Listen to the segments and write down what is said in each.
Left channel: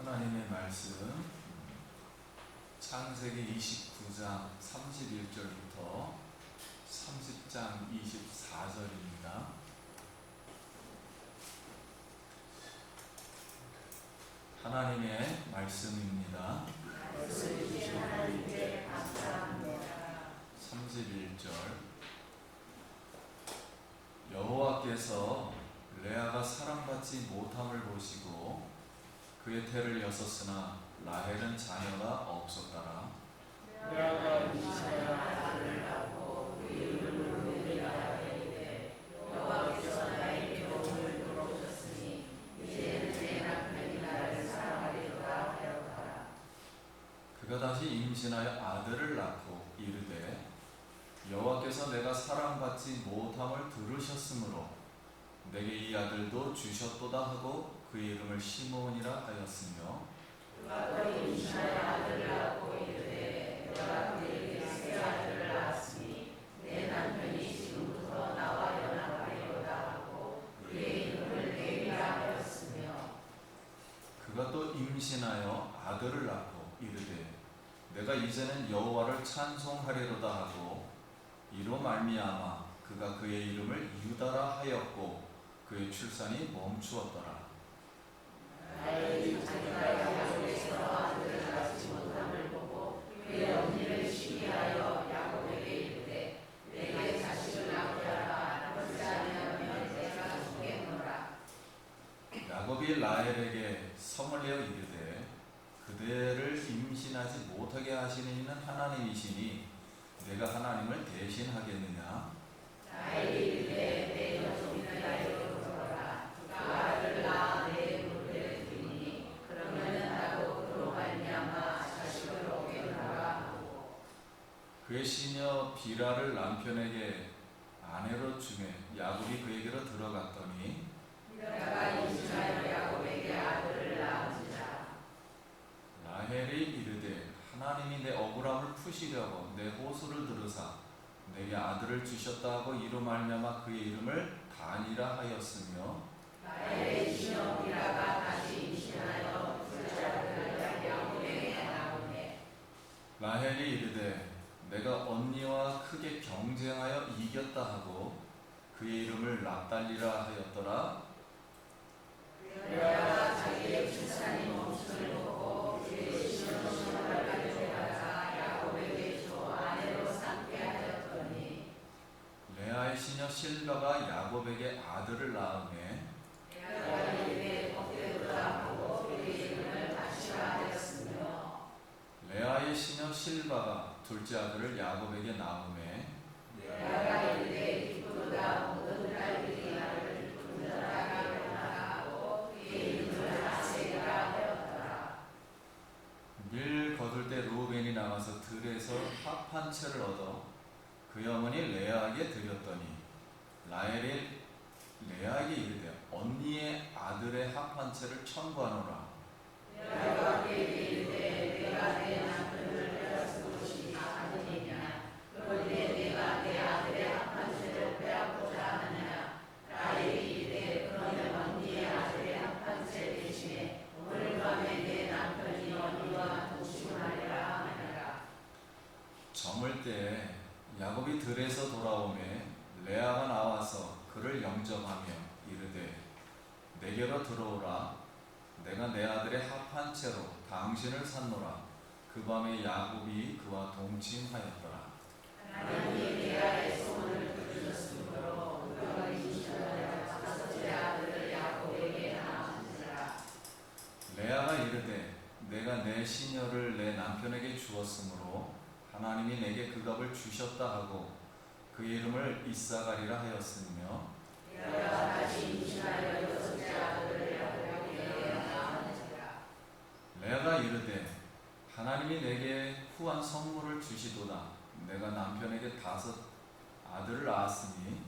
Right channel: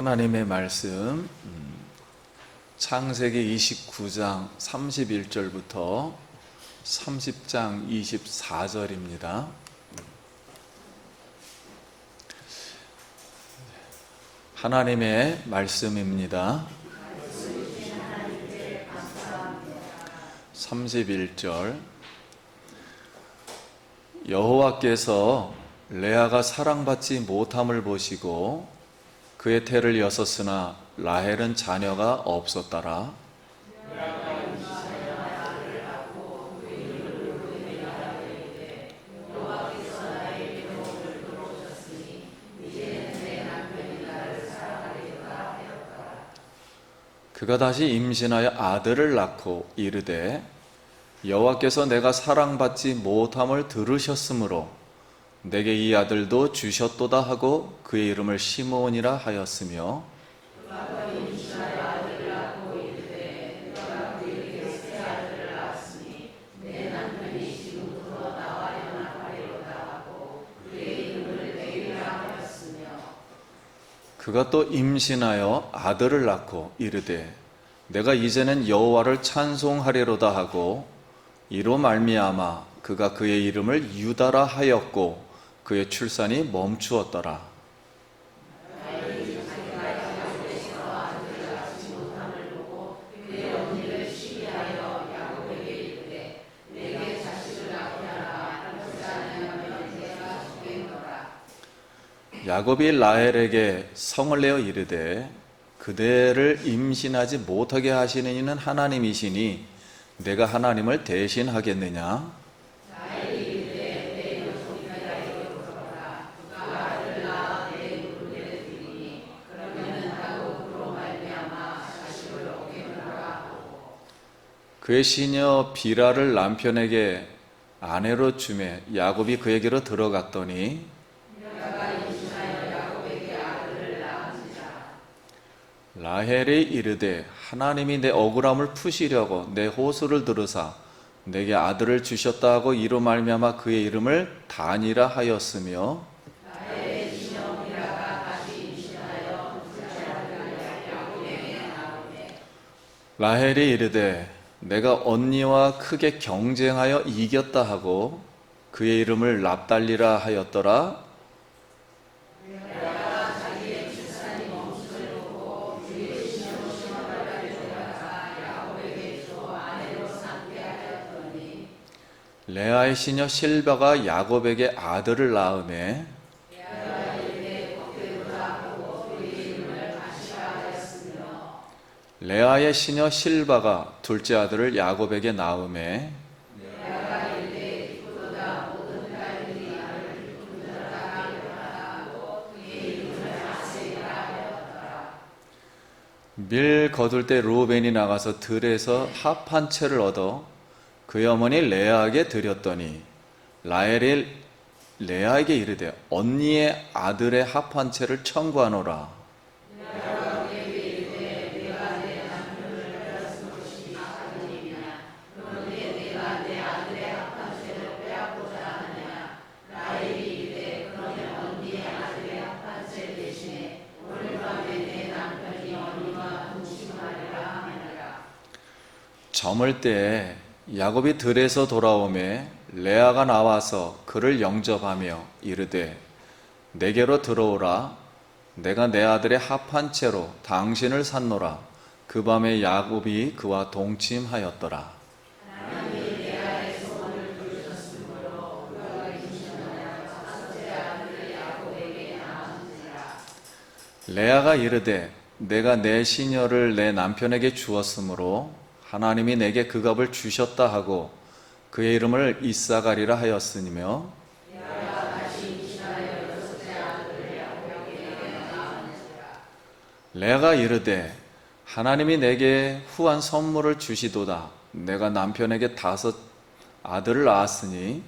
하나님의 말씀 창세기 29장 31절부터 30장 24절입니다. 하나님의 말씀입니다. 31절 여호와께서 레아가 사랑받지 못함을 보시고 그의 태를 여섰으나 라헬은 자녀가 없었더라. 그가 다시 임신하여 아들을 낳고 이르되 여호와께서 내가 사랑받지 못함을 들으셨으므로 내게 이 아들도 주셨도다 하고 그의 이름을 시므온이라 하였으며 그가 또 임신하여 아들을 낳고 이르되 내가 이제는 여호와를 찬송하리로다 하고 이로 말미암아 그가 그의 이름을 유다라 하였고 그의 출산이 멈추었더라. 야곱이 라헬에게 성을 내어 이르되 그대를 임신하지 못하게 하시는 이는 하나님이시니 내가 하나님을 대신하겠느냐? 그의 시녀 비라를 남편에게 아내로 주매 야곱이 그에게로 들어갔더니 라헬이 이르되 하나님이 내 억울함을 푸시려고 내 호소를 들으사 내게 아들을 주셨다 하고 이로 말미암아 그의 이름을 단이라 하였으며 라헬이 이르되 내가 언니와 크게 경쟁하여 이겼다 하고 그의 이름을 납달리라 하였더라. 레아의 시녀 실바가 야곱에게 아들을 낳으매 레아의 시녀 실바가 둘째 아들을 야곱에게 낳으매 밀 거둘 때 르우벤이 나가서 들에서 합 한 채를 얻어 그의 어머니 레아에게 드렸더니 라헬이 레아에게 이르되 언니의 아들의 합 한 채를 청구하노라. 저물 때에 야곱이 들에서 돌아오매 레아가 나와서 그를 영접하며 이르되 내게로 들어오라. 내가 내 아들의 합 한 채로 당신을 샀노라. 그 밤에 야곱이 그와 동침하였더라. 레아가 이르되 내가 내 시녀를 내 남편에게 주었으므로 하나님이 내게 그 값을 주셨다 하고 그의 이름을 이사가리라 하였으며 레아가 이르되 하나님이 내게 후한 선물을 주시도다. 내가 남편에게 5 아들을 낳았으니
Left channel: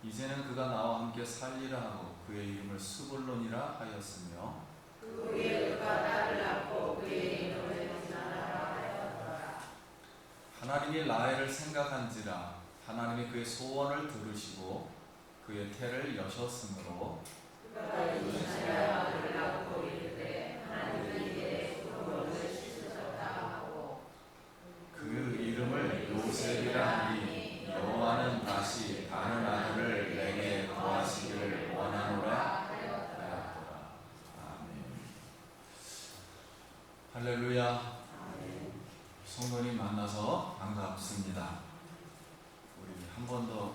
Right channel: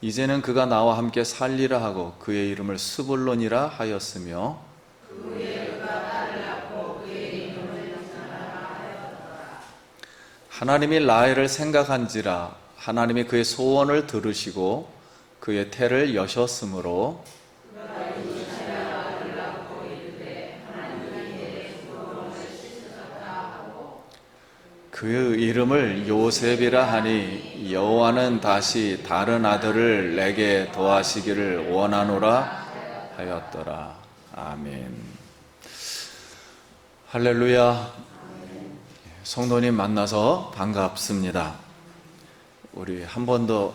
이제는 그가 나와 함께 살리라 하고 그의 이름을 스불론이라 하였으며 하나님이 라헬을 생각한지라 하나님이 그의 소원을 들으시고 그의 태를 여셨으므로 그 이름을 요셉이라 하니 여호와는 다시 다른 아들을 내게 더하시기를 원하노라 하였더라. 아멘. 할렐루야. 성도님 만나서 반갑습니다. 우리 한 번 더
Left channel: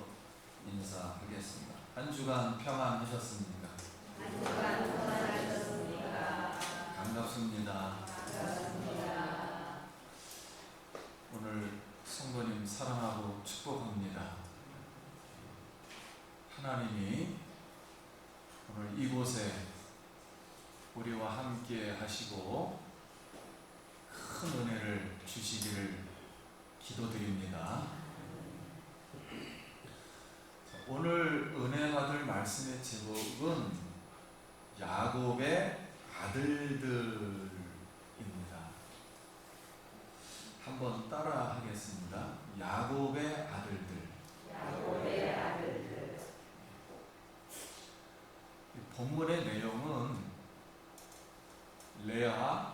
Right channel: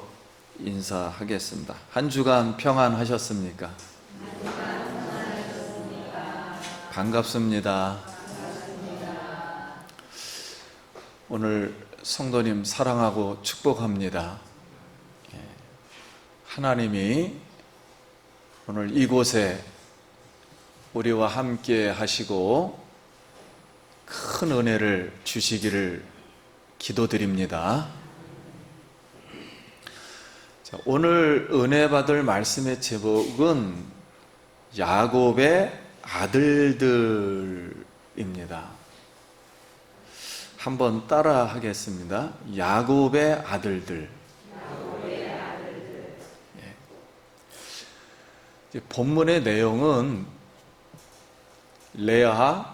인사하겠습니다. 한 주간 평안하셨습니까? 반갑습니다. 오늘 성도님 사랑하고 축복합니다. 하나님이 오늘 이곳에 우리와 함께 하시고 큰 은혜를 주시기를 기도드립니다. 자, 오늘 은혜 받을 말씀의 제목은 야곱의 아들들입니다. 한번 따라 하겠습니다. 야곱의 아들들. 본문의 내용은 레아,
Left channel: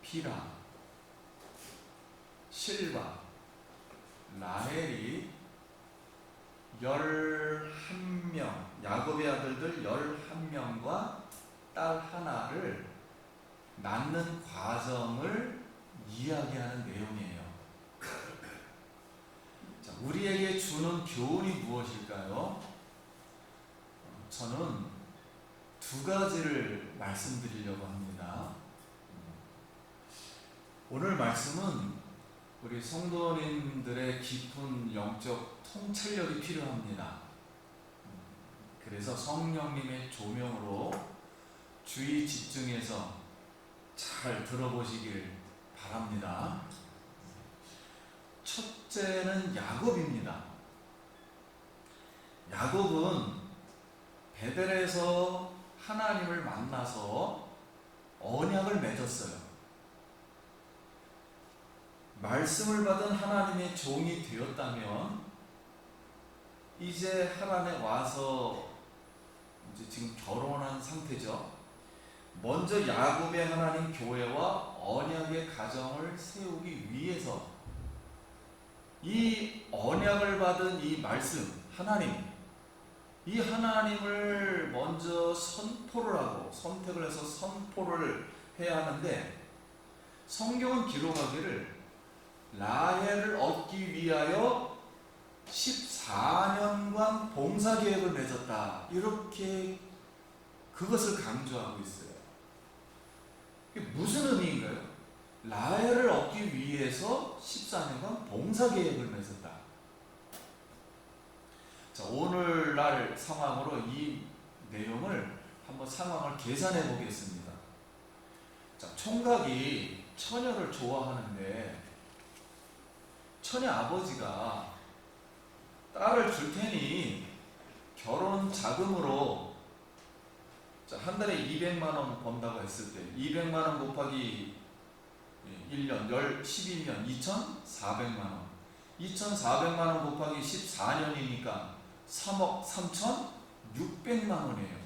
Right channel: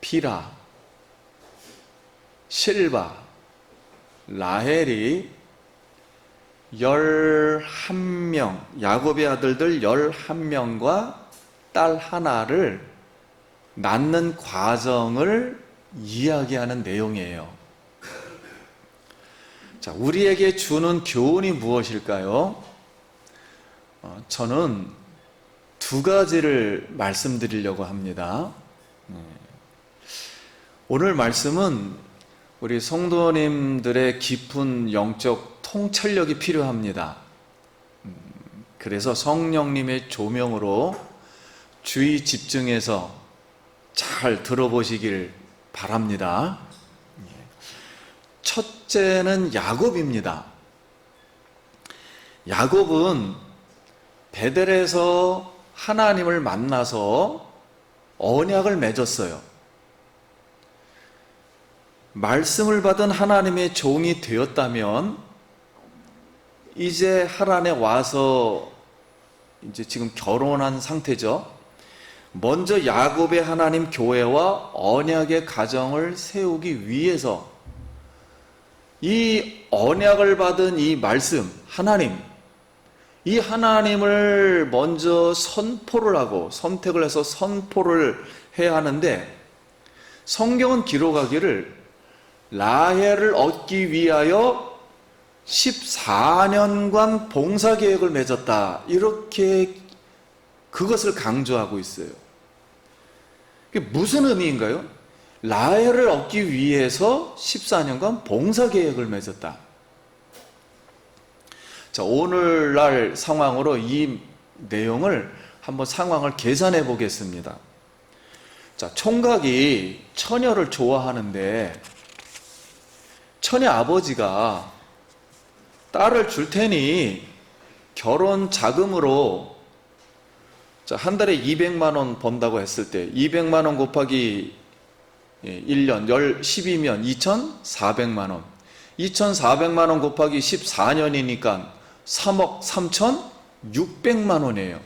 빌하, 실바, 라헬이 11명, 야곱의 아들들 11명과 딸 하나를 낳는 과정을 이야기하는 내용이에요. 자, 우리에게 주는 교훈이 무엇일까요? 저는 두 가지를 말씀드리려고 합니다. 오늘 말씀은 우리 성도님들의 깊은 영적 통찰력이 필요합니다. 그래서 성령님의 조명으로 주의 집중해서 잘 들어보시길 바랍니다. 첫째는 야곱입니다. 야곱은 베델에서 하나님을 만나서 언약을 맺었어요. 말씀을 받은 하나님의 종이 되었다면 이제 하란에 와서 이제 지금 결혼한 상태죠. 먼저 야곱의 하나님 교회와 언약의 가정을 세우기 위해서 이 언약을 받은 이 말씀, 하나님, 이 하나님을 먼저 선포를 하고 선택을 해서 선포를 해야 하는데 성경은 기록하기를 라헬을 얻기 위하여 14년간 봉사계획을 맺었다. 이렇게 그것을 강조하고 있어요. 그게 무슨 의미인가요? 라헬을 얻기 위해서 14년간 봉사계획을 맺었다. 자, 오늘날 상황으로 이 내용을 한번 상황을 계산해 보겠습니다. 자, 총각이 처녀를 좋아하는데 처녀 아버지가 딸을 줄 테니 결혼 자금으로 한 달에 200만 원 번다고 했을 때 200만 원 곱하기 1년 12면 2,400만 원 2,400만 원 곱하기 14년이니까 3억 3,600만 원이에요.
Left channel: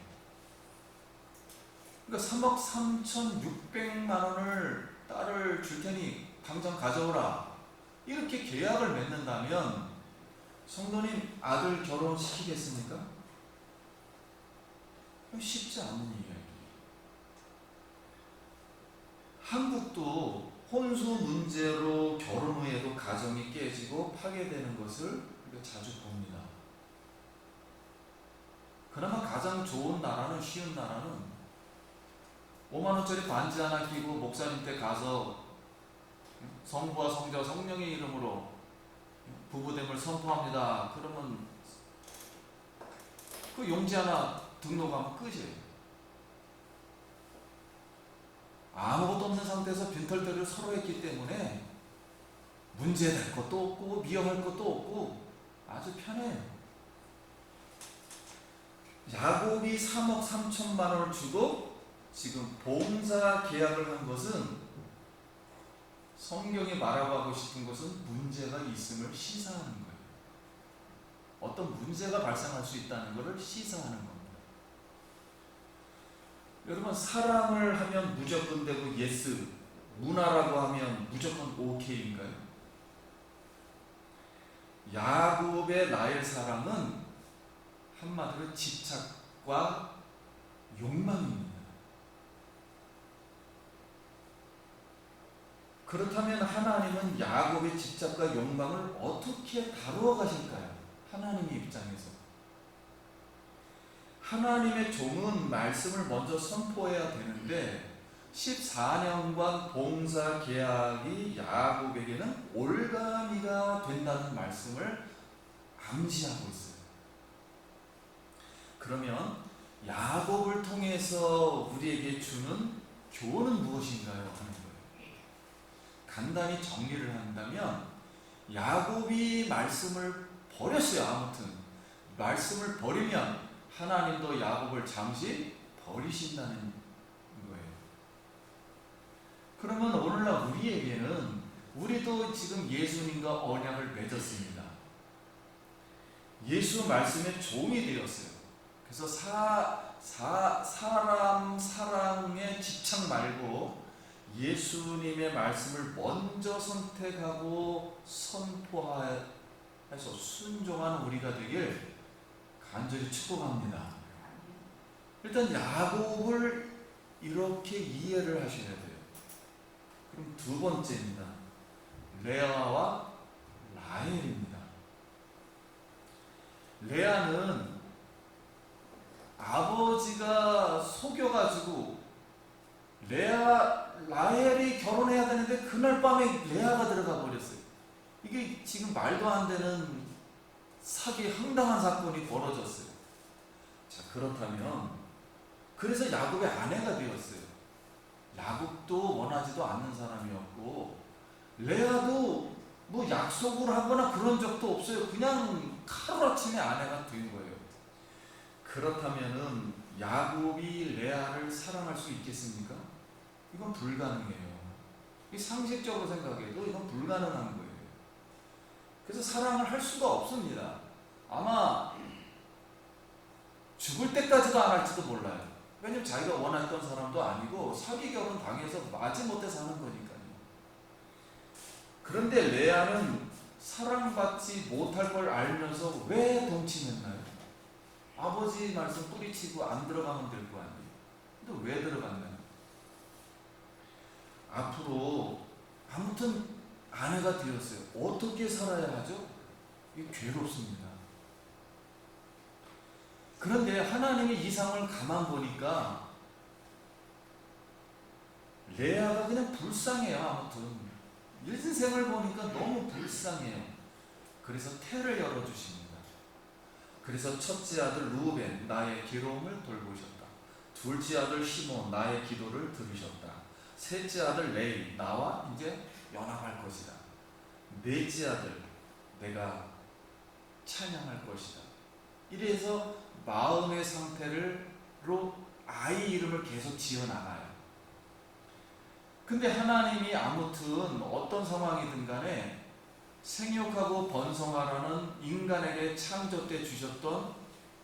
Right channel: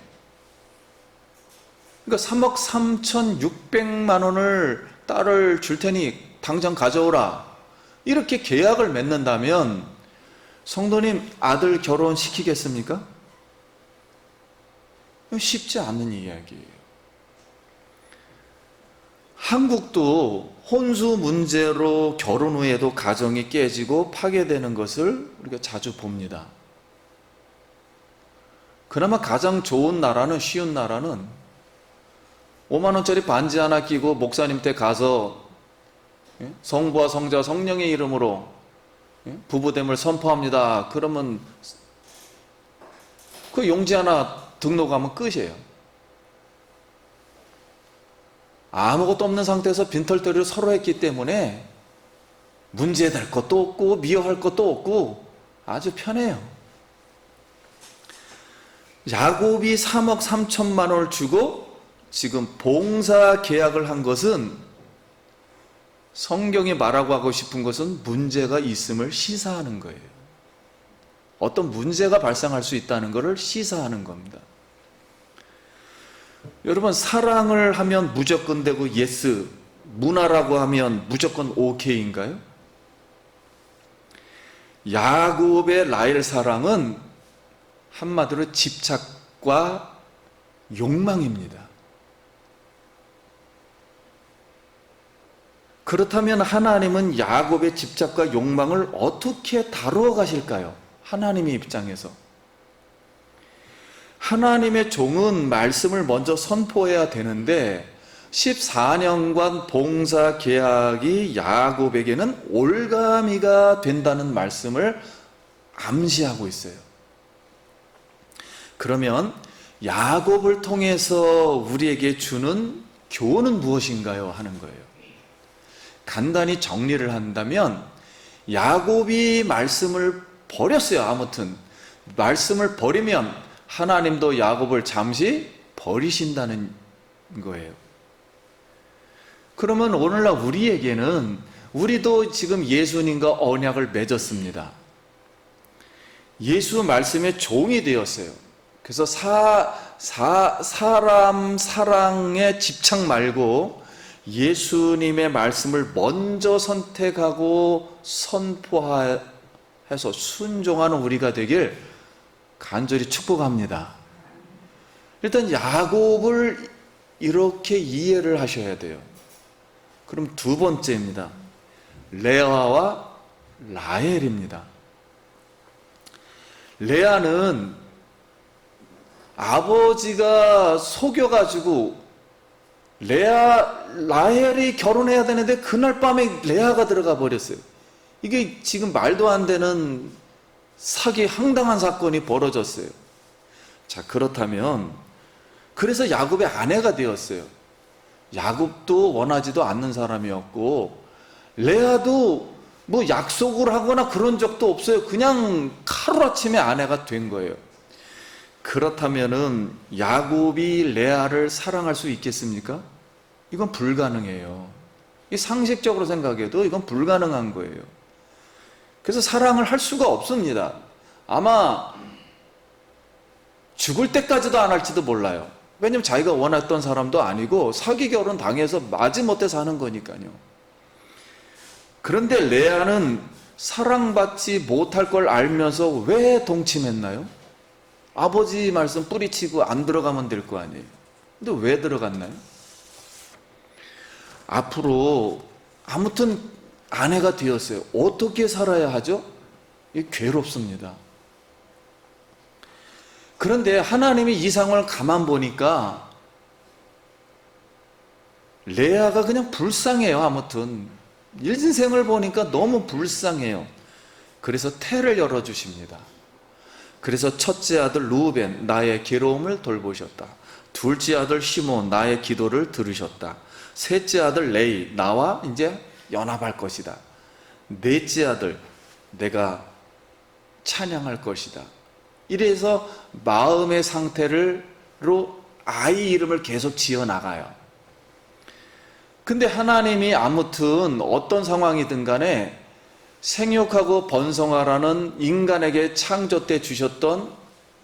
그러니까 3억 3,600만 원을 딸을 줄 테니 당장 가져오라. 이렇게 계약을 맺는다면 성도님 아들 결혼시키겠습니까? 쉽지 않은 이야기예요. 한국도 혼수 문제로 결혼 후에도 가정이 깨지고 파괴되는 것을 우리가 자주 봅니다. 그나마 가장 좋은 나라는, 쉬운 나라는 5만 원짜리 반지 하나 끼고 목사님 댁 가서 성부와 성자와 성령의 이름으로 부부됨을 선포합니다. 그러면 그 용지 하나 등록하면 끝이에요. 아무것도 없는 상태에서 빈털터리를 서로 했기 때문에 문제될 것도 없고 미워할 것도 없고 아주 편해요. 야곱이 3억 3천만 원을 주고 지금 봉사 계약을 한 것은 성경이 말하고 하고 싶은 것은 문제가 있음을 시사하는 거예요. 어떤 문제가 발생할 수 있다는 것을 시사하는 겁니다. 여러분, 사랑을 하면 무조건 되고 예스, 문화라고 하면 무조건 오케이인가요? 야곱의 라헬 사랑은 한마디로 집착과 욕망입니다. 그렇다면 하나님은 야곱의 집착과 욕망을 어떻게 다루어 가실까요? 하나님의 입장에서. 하나님의 종은 말씀을 먼저 선포해야 되는데 14년간 봉사 계약이 야곱에게는 올가미가 된다는 말씀을 암시하고 있어요. 그러면 야곱을 통해서 우리에게 주는 교훈은 무엇인가요? 하는 거예요. 간단히 정리를 한다면 야곱이 말씀을 버렸어요. 아무튼 말씀을 버리면 하나님도 야곱을 잠시 버리신다는 거예요. 그러면 오늘날 우리에게는 우리도 지금 예수님과 언약을 맺었습니다. 예수 말씀의 종이 되었어요. 그래서 사람 사랑에 집착 말고 예수님의 말씀을 먼저 선택하고 선포해서 순종하는 우리가 되길 간절히 축복합니다. 일단 야곱을 이렇게 이해를 하셔야 돼요. 그럼 두 번째입니다. 레아와 라헬입니다. 레아는 아버지가 속여가지고 라헬이 결혼해야 되는데 그날 밤에 레아가 들어가 버렸어요. 이게 지금 말도 안 되는 사기 황당한 사건이 벌어졌어요. 자, 그렇다면 그래서 야곱의 아내가 되었어요. 야곱도 원하지도 않는 사람이었고 레아도 뭐 약속을 하거나 그런 적도 없어요. 그냥 하루아침에 아내가 된 거예요. 그렇다면은 야곱이 레아를 사랑할 수 있겠습니까? 이건 불가능해요. 상식적으로 생각해도 이건 불가능한 거예요. 그래서 사랑을 할 수가 없습니다. 아마 죽을 때까지도 안 할지도 몰라요. 왜냐면 자기가 원했던 사람도 아니고 사기 결혼 당해서 마지못해 사는 거니까요. 그런데 레아는 사랑받지 못할 걸 알면서 왜 동침했나요? 아버지 말씀 뿌리치고 안 들어가면 될 거 아니에요. 근데 왜 들어갔나요? 앞으로 아무튼 아내가 되었어요. 어떻게 살아야 하죠? 이게 괴롭습니다. 그런데 하나님이 이 상황을 가만 보니까 레아가 그냥 불쌍해요. 아무튼 인생을 보니까 너무 불쌍해요. 그래서 태를 열어주십니다. 그래서 첫째 아들 루벤, 나의 괴로움을 돌보셨다. 둘째 아들 시몬, 나의 기도를 들으셨다. 셋째 아들 레이, 나와 이제 연합할 것이다. 넷째 아들, 내가 찬양할 것이다. 이래서 마음의 상태로 아이 이름을 계속 지어 나가요. 근데 하나님이 아무튼 어떤 상황이든 간에 생육하고 번성하라는 인간에게 창조 때 주셨던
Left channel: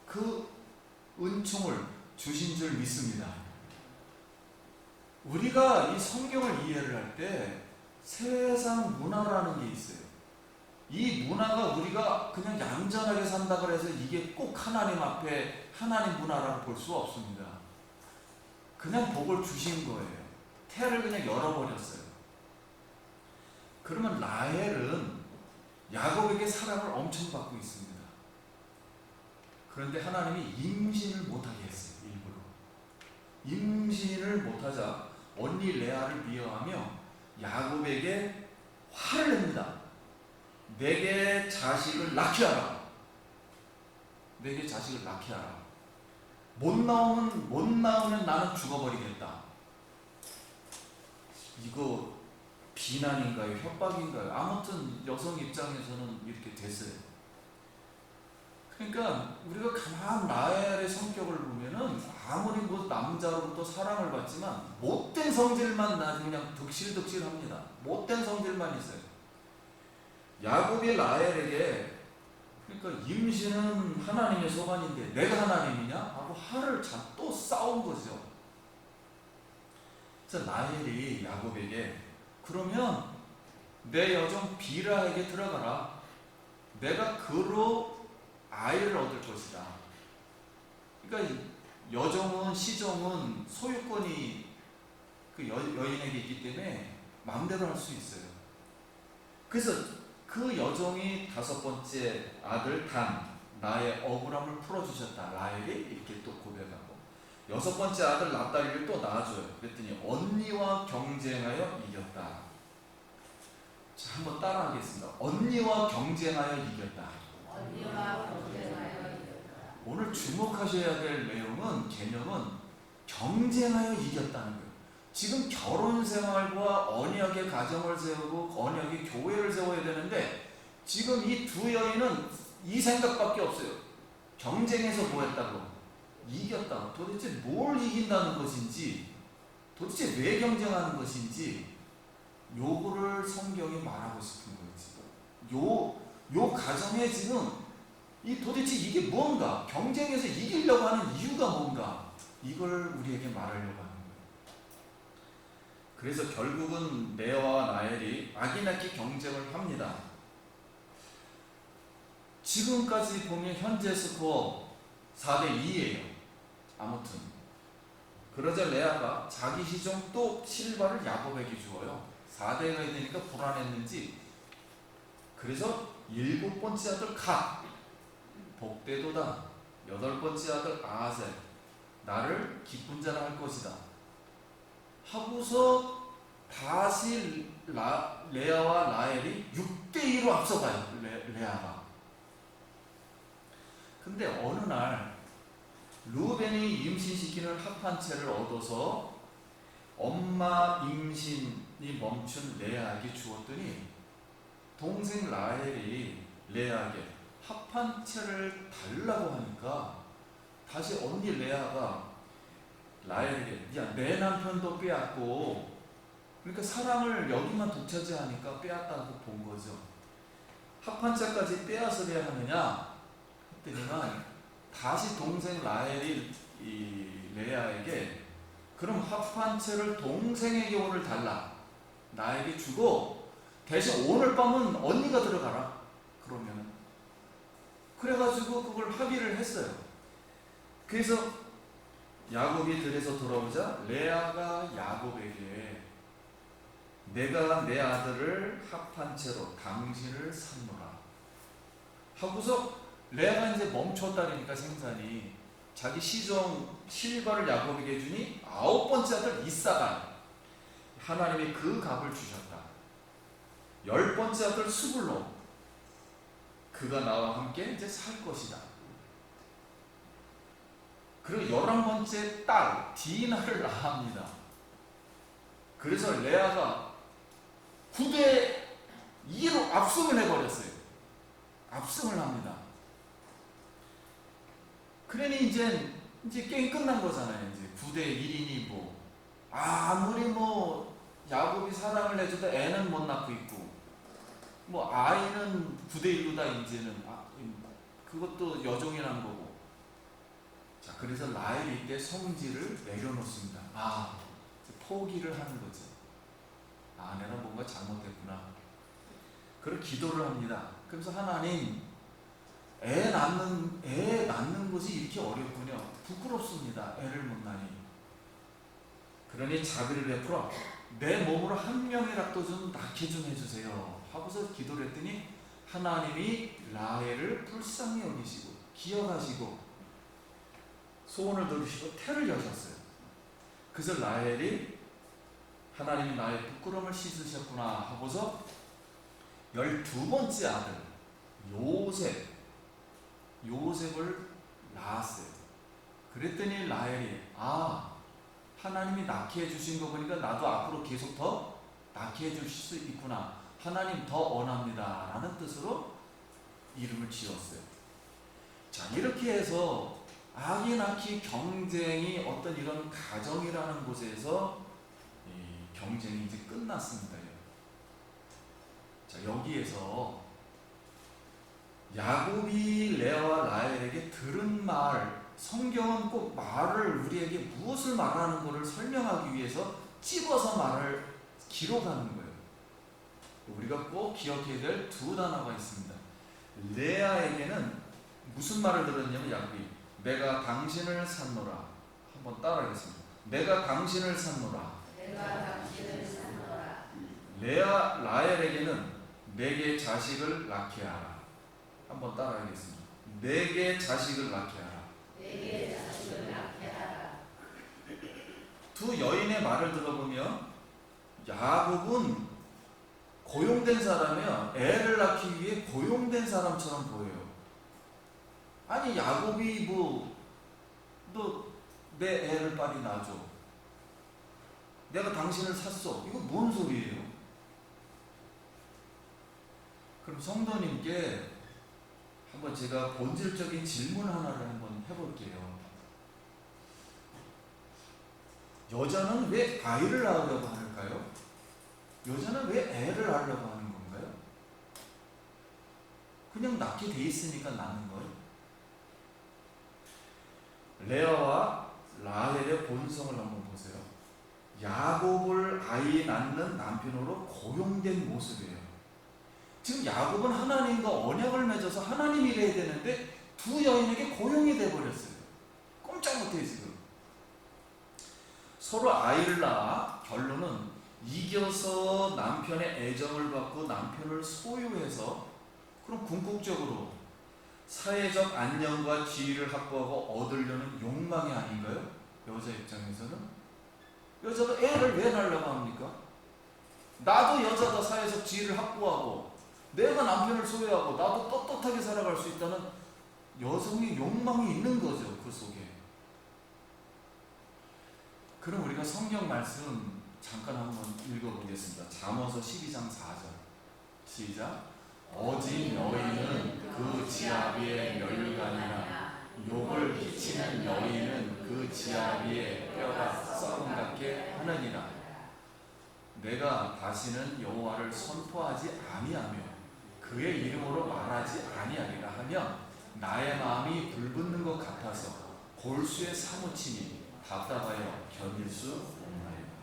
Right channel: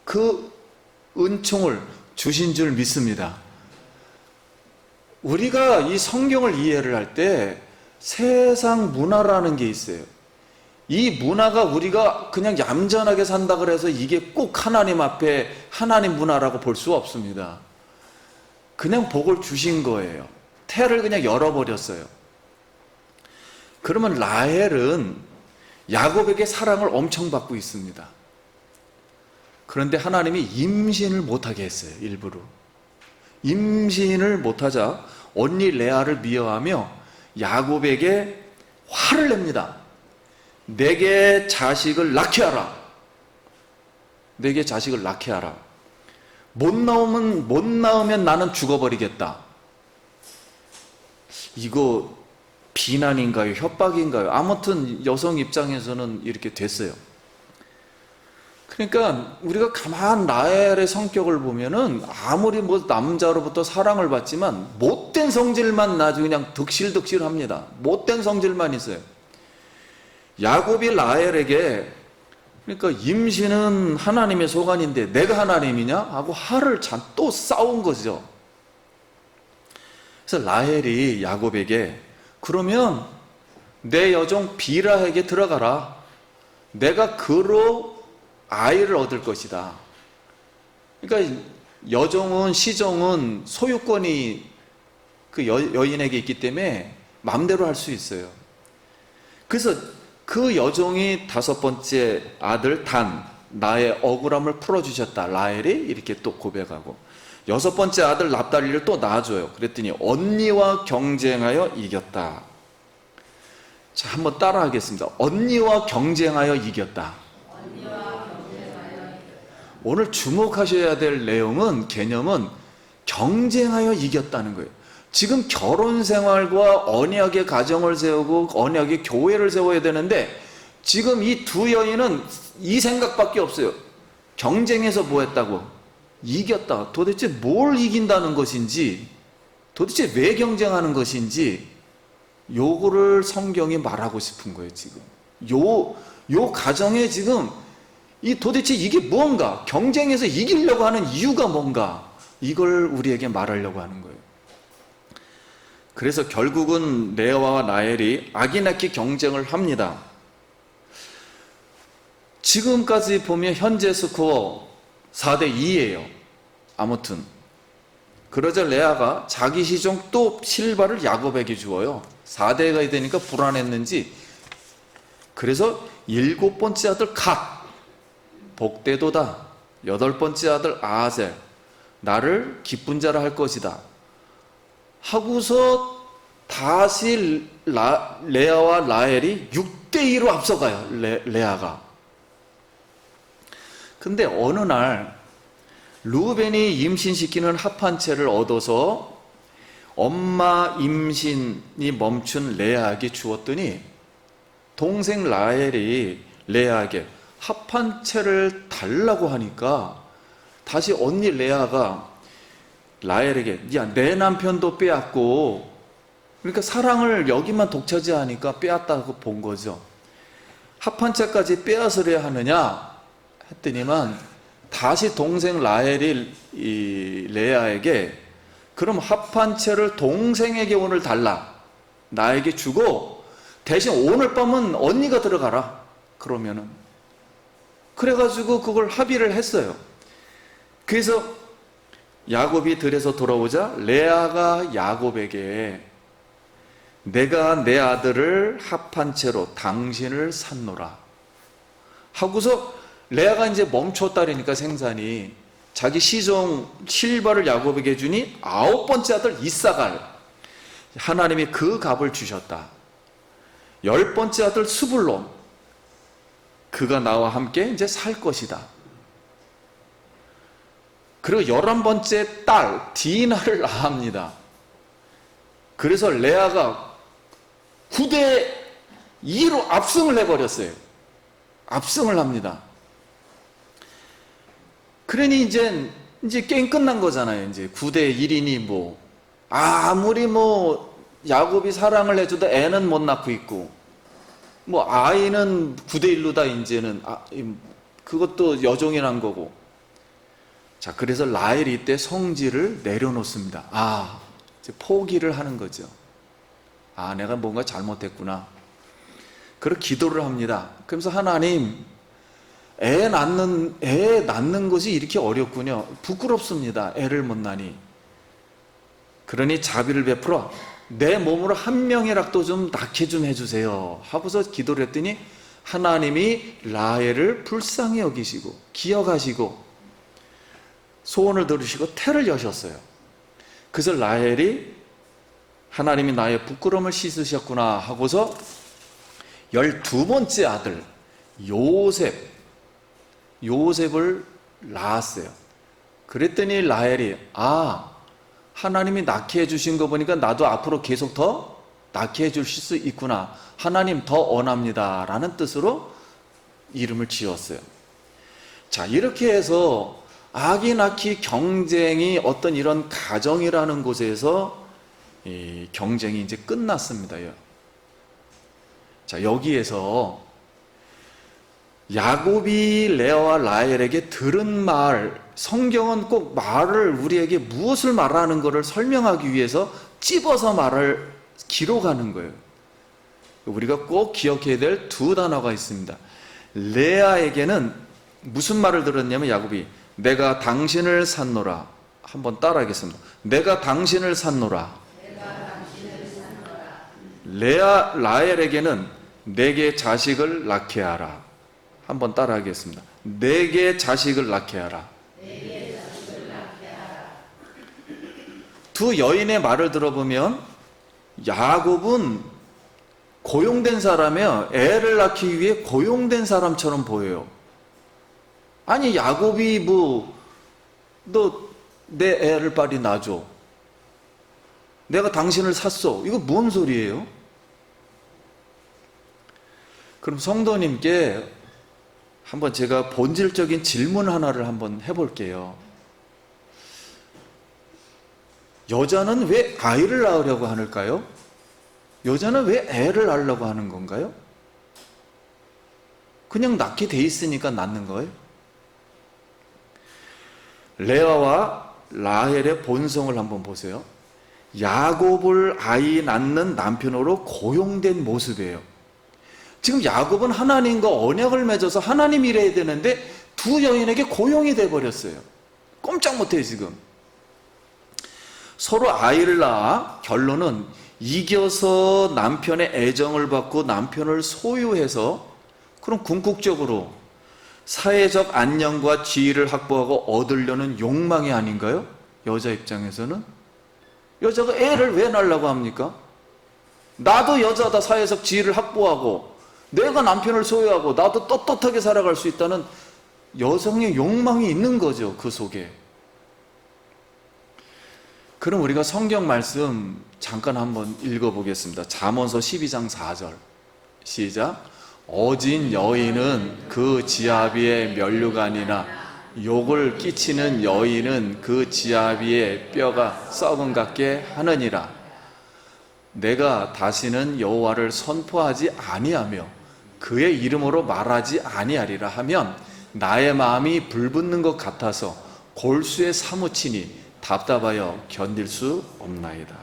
그 은총을 주신 줄 믿습니다. 우리가 이 성경을 이해를 할 때 세상 문화라는 게 있어요. 이 문화가 우리가 그냥 얌전하게 산다 그래서 이게 꼭 하나님 앞에 하나님 문화라고 볼 수 없습니다. 그냥 복을 주신 거예요. 태를 그냥 열어버렸어요. 그러면 라헬은 야곱에게 사랑을 엄청 받고 있습니다. 그런데 하나님이 임신을 못하게 했어요. 일부러 임신을 못하자 언니 레아를 미워하며 야곱에게 화를 냅니다. 내게 자식을 낳게 하라. 내게 자식을 낳게 하라. 못 낳으면 나는 죽어버리겠다. 이거 비난인가요? 협박인가요? 아무튼 여성 입장에서는 이렇게 됐어요. 그러니까 우리가 가만 라헬의 성격을 보면은 아무리 뭐 남자로부터 사랑을 받지만 못된 성질만 나중에 그냥 득실득실합니다. 못된 성질만 있어요. 야곱이 라헬에게 그러니까 임신은 하나님의 소관인데 내가 하나님이냐? 하고 화를 또 싸운 거죠. 그래서 라헬이 야곱에게 그러면 내 여종 비라에게 들어가라. 내가 그로 아이를 얻을 것이다. 그러니까 여종은 시종은 소유권이 그 여인에게 있기 때문에 마음대로 할 수 있어요. 그래서 그 여종이 다섯 번째 아들 단, 나의 억울함을 풀어주셨다. 라헬이 이렇게 또 고백하고, 여섯 번째 아들 납달리를 또 낳아줘요. 그랬더니 언니와 경쟁하여 이겼다. 자, 한번 따라 하겠습니다. 언니와 경쟁하여 이겼다. 오늘 주목하셔야 될 내용은, 개념은 경쟁하여 이겼다는 거예요. 지금 결혼 생활과 언약의 가정을 세우고 언약의 교회를 세워야 되는데, 지금 이 두 여인은 이 생각밖에 없어요. 경쟁해서 뭐 했다고? 이겼다. 도대체 뭘 이긴다는 것인지, 도대체 왜 경쟁하는 것인지, 요거를 성경이 말하고 싶은 거예요. 지금 요 가정에 지금 도대체 이게 뭔가, 경쟁해서 이기려고 하는 이유가 뭔가, 이걸 우리에게 말하려고 하는 거예요. 그래서 결국은 레아와 라헬이 아기나키 경쟁을 합니다. 지금까지 보면 현재 스코어 4대2예요. 아무튼 그러자 레아가 자기 시종 또 실바를 야곱에게 주어요. 4대가 되니까 불안했는지, 그래서 7번째 아들 갓, 복되도다. 8번째 아들 아셀, 나를 기쁜 자라 할 것이다 하고서 다시 레아와 라헬이 6대2로 앞서가요. 레아가. 근데 어느 날 루벤이 임신시키는 합한채를 얻어서 엄마 임신이 멈춘 레아에게 주었더니, 동생 라헬이 레아에게 합한채를 달라고 하니까 다시 언니 레아가 라헬에게, 야, 내 남편도 빼앗고, 그러니까 사랑을 여기만 독차지하니까 빼앗다고 본 거죠. 합한채까지 빼앗으려 하느냐 했더니만, 다시 동생 라헬이 이 레아에게, 그럼 합한채를 동생에게 오늘 달라, 나에게 주고 대신 오늘 밤은 언니가 들어가라. 그러면은, 그래가지고 그걸 합의를 했어요. 그래서 야곱이 들에서 돌아오자 레아가 야곱에게, 내가 내 아들을 합한 채로 당신을 샀노라 하고서, 레아가 이제 멈췄다니까 생산이, 자기 시종 실바를 야곱에게 주니 9번째 아들 이사갈, 하나님이 그 값을 주셨다. 10번째 아들 스불론, 그가 나와 함께 이제 살 것이다. 그리고 11번째 딸 디나를 낳습니다. 그래서 레아가 9대2로 압승을 해버렸어요. 압승을 합니다. 그러니 이제 게임 끝난 거잖아요. 이제 9대1이니 뭐, 아무리 뭐 야곱이 사랑을 해줘도 애는 못 낳고 있고, 뭐 아이는 9대1로다 이제는, 그것도 여종이 난 거고. 자, 그래서 라헬이 이때 성질을 내려놓습니다. 이제 포기를 하는 거죠. 내가 뭔가 잘못했구나. 그리고 기도를 합니다. 그러면서, 하나님, 애 낳는 것이 이렇게 어렵군요. 부끄럽습니다. 애를 못 낳으니. 그러니 자비를 베풀어 내 몸으로 한 명이라도 좀 낳게 좀 해주세요 하고서 기도를 했더니, 하나님이 라헬을 불쌍히 여기시고 기억하시고 소원을 들으시고 태를 여셨어요. 그래서 라헬이, 하나님이 나의 부끄러움을 씻으셨구나 하고서 12번째 아들 요셉을 낳았어요. 그랬더니 라헬이, 하나님이 낳게 해주신 거 보니까 나도 앞으로 계속 더 낳게 해주실 수 있구나, 하나님 더 원합니다 라는 뜻으로 이름을 지었어요. 자, 이렇게 해서 아기 낳기 경쟁이 어떤 이런 가정이라는 곳에서 이 경쟁이 이제 끝났습니다. 자, 여기에서 야곱이 레아와 라헬에게 들은 말, 성경은 꼭 말을, 우리에게 무엇을 말하는 것을 설명하기 위해서 찝어서 말을 기록하는 거예요. 우리가 꼭 기억해야 될 두 단어가 있습니다. 레아에게는 무슨 말을 들었냐면 야곱이 내가 당신을 샀노라. 한번 따라하겠습니다. 내가 당신을 샀노라. 라헬에게는 내게 자식을 낳게 하라. 한번 따라하겠습니다. 내게 자식을 낳게 하라. 두 여인의 말을 들어보면 야곱은 고용된 사람이에요. 애를 낳기 위해 고용된 사람처럼 보여요. 아니 야곱이 너 내 애를 빨리 낳아줘. 내가 당신을 샀어. 이거 뭔 소리예요? 그럼 성도님께 한번 제가 본질적인 질문 하나를 한번 해볼게요. 여자는 왜 아이를 낳으려고 하는가요? 여자는 왜 애를 낳으려고 하는 건가요? 그냥 낳게 돼 있으니까 낳는 거예요? 레아와 라헬의 본성을 한번 보세요. 야곱을 아이 낳는 남편으로 고용된 모습이에요. 지금 야곱은 하나님과 언약을 맺어서 하나님 일해야 되는데 두 여인에게 고용이 돼버렸어요. 꼼짝 못해요 지금. 서로 아이를 낳아 결론은 이겨서 남편의 애정을 받고 남편을 소유해서 그럼 궁극적으로 사회적 안녕과 지위를 확보하고 얻으려는 욕망이 아닌가요? 여자 입장에서는? 여자가 애를 왜 낳으려고 합니까? 나도 여자다. 사회적 지위를 확보하고 내가 남편을 소유하고 나도 떳떳하게 살아갈 수 있다는 여성의 욕망이 있는 거죠. 그 속에. 그럼 우리가 성경 말씀 잠깐 한번 읽어보겠습니다. 잠언서 12장 4절 시작. 어진 여인은 그 지아비의 면류관이나 욕을 끼치는 여인은 그 지아비의 뼈가 썩은 같게 하느니라. 내가 다시는 여호와를 선포하지 아니하며 그의 이름으로 말하지 아니하리라 하면 나의 마음이 불붙는 것 같아서 골수에 사무치니 답답하여 견딜 수 없나이다.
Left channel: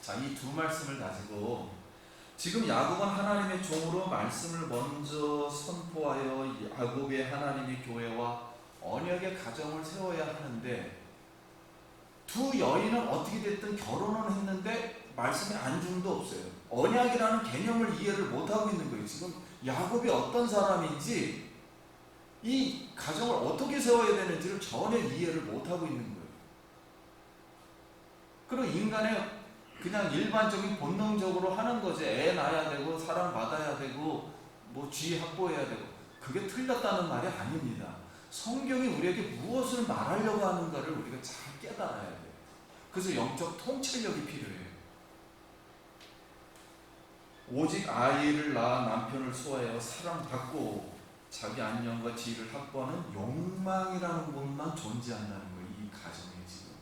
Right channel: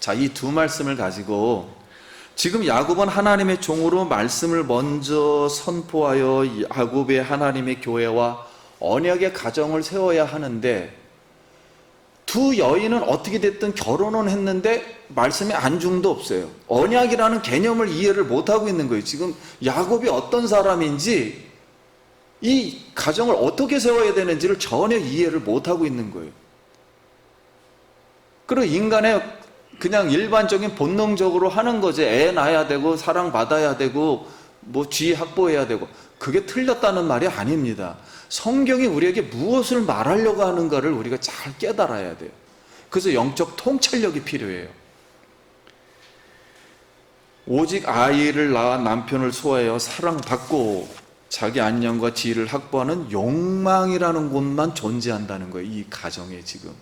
자, 이 두 말씀을 가지고 지금 야곱은 하나님의 종으로 말씀을 먼저 선포하여 야곱의 하나님의 교회와 언약의 가정을 세워야 하는데 두 여인은 어떻게 됐든 결혼은 했는데 말씀에 안중도 없어요. 언약이라는 개념을 이해를 못하고 있는 거예요. 지금 야곱이 어떤 사람인지 이 가정을 어떻게 세워야 되는지를 전혀 이해를 못하고 있는 거예요. 그리고 인간의 그냥 일반적인 본능적으로 하는 거지. 애 낳아야 되고 사랑받아야 되고 뭐 지위 확보해야 되고 그게 틀렸다는 말이 아닙니다. 성경이 우리에게 무엇을 말하려고 하는가를 우리가 잘 깨달아야 돼요. 그래서 영적 통찰력이 필요해요. 오직 아이를 낳아 남편을 소화하여 사랑받고 자기 안녕과 지위를 확보하는 욕망이라는 곳만 존재한다는 거예요. 이 가정에 지금.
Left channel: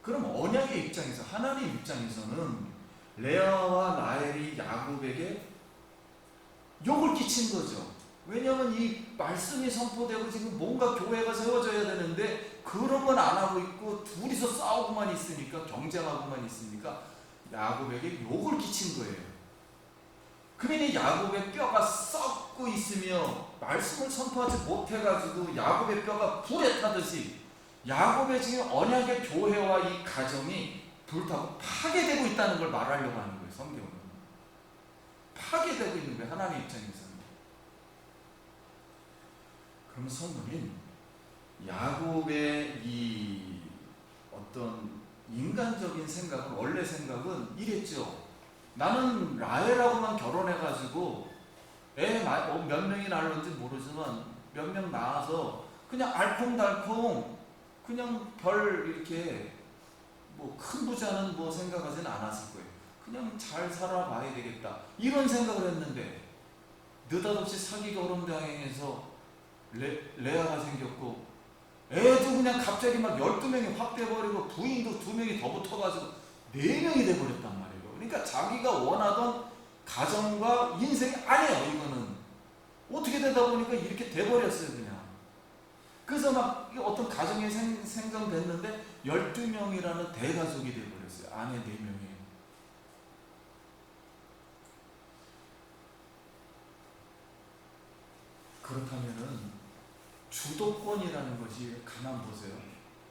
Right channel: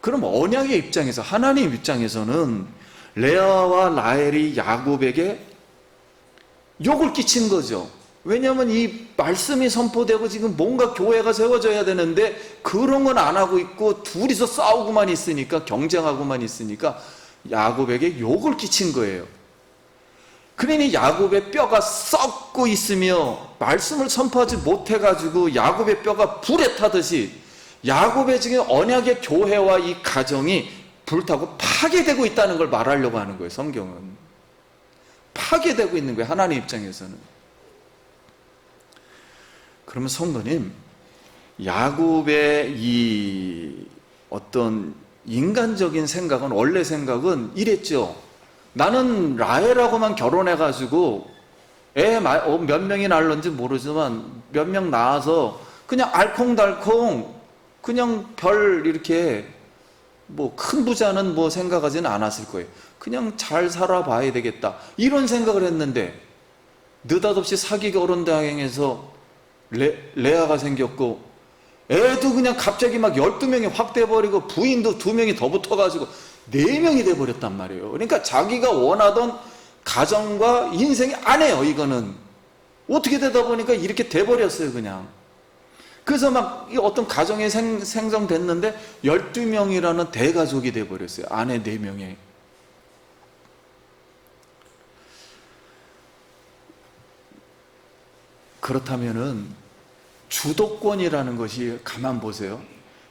그럼 언약의 입장에서 하나님 입장에서는 레아와 라헬이 야곱에게 욕을 끼친 거죠. 왜냐하면 이 말씀이 선포되고 지금 뭔가 교회가 세워져야 되는데 그런 건 안 하고 있고 둘이서 싸우고만 있으니까 경쟁하고만 있으니까 야곱에게 욕을 끼친 거예요. 그러니 야곱의 뼈가 썩고 있으며 말씀을 선포하지 못해가지고 야곱의 뼈가 불에 타듯이 야곱의 지금 언약의 교회와 이 가정이 불타고 파괴되고 있다는 걸 말하려고 하는 거예요. 성경은 파괴되고 있는 거예요. 하나님 입장에서는. 그러면 성도님, 야곱의 이 어떤 인간적인 생각은, 원래 생각은 이랬죠. 나는 라헬하고만 결혼해가지고 애 몇 명이 낳을런지 모르지만 몇 명 낳아서 그냥 알콩달콩 그냥 별 이렇게 뭐 큰 부자는 뭐 생각하지는 않았을 거예요. 그냥 잘 살아봐야 되겠다 이런 생각을 했는데 느닷없이 사기 결혼 당행해서 레아가 생겼고 애도 그냥 갑자기 막 12명이 확 돼버리고 부인도 2명이 더 붙어가지고 4명이 돼버렸단 말이에요. 그러니까 자기가 원하던 가정과 인생이 안 해요. 이거는 어떻게 되다 보니까 이렇게 돼버렸어요. 그냥 그래서 막 어떤 가정이 생성됐는데 12명이라는 대가족이 돼버렸어요. 아내 4명에. 그렇다면은 주도권이라는 것이, 가만 보세요.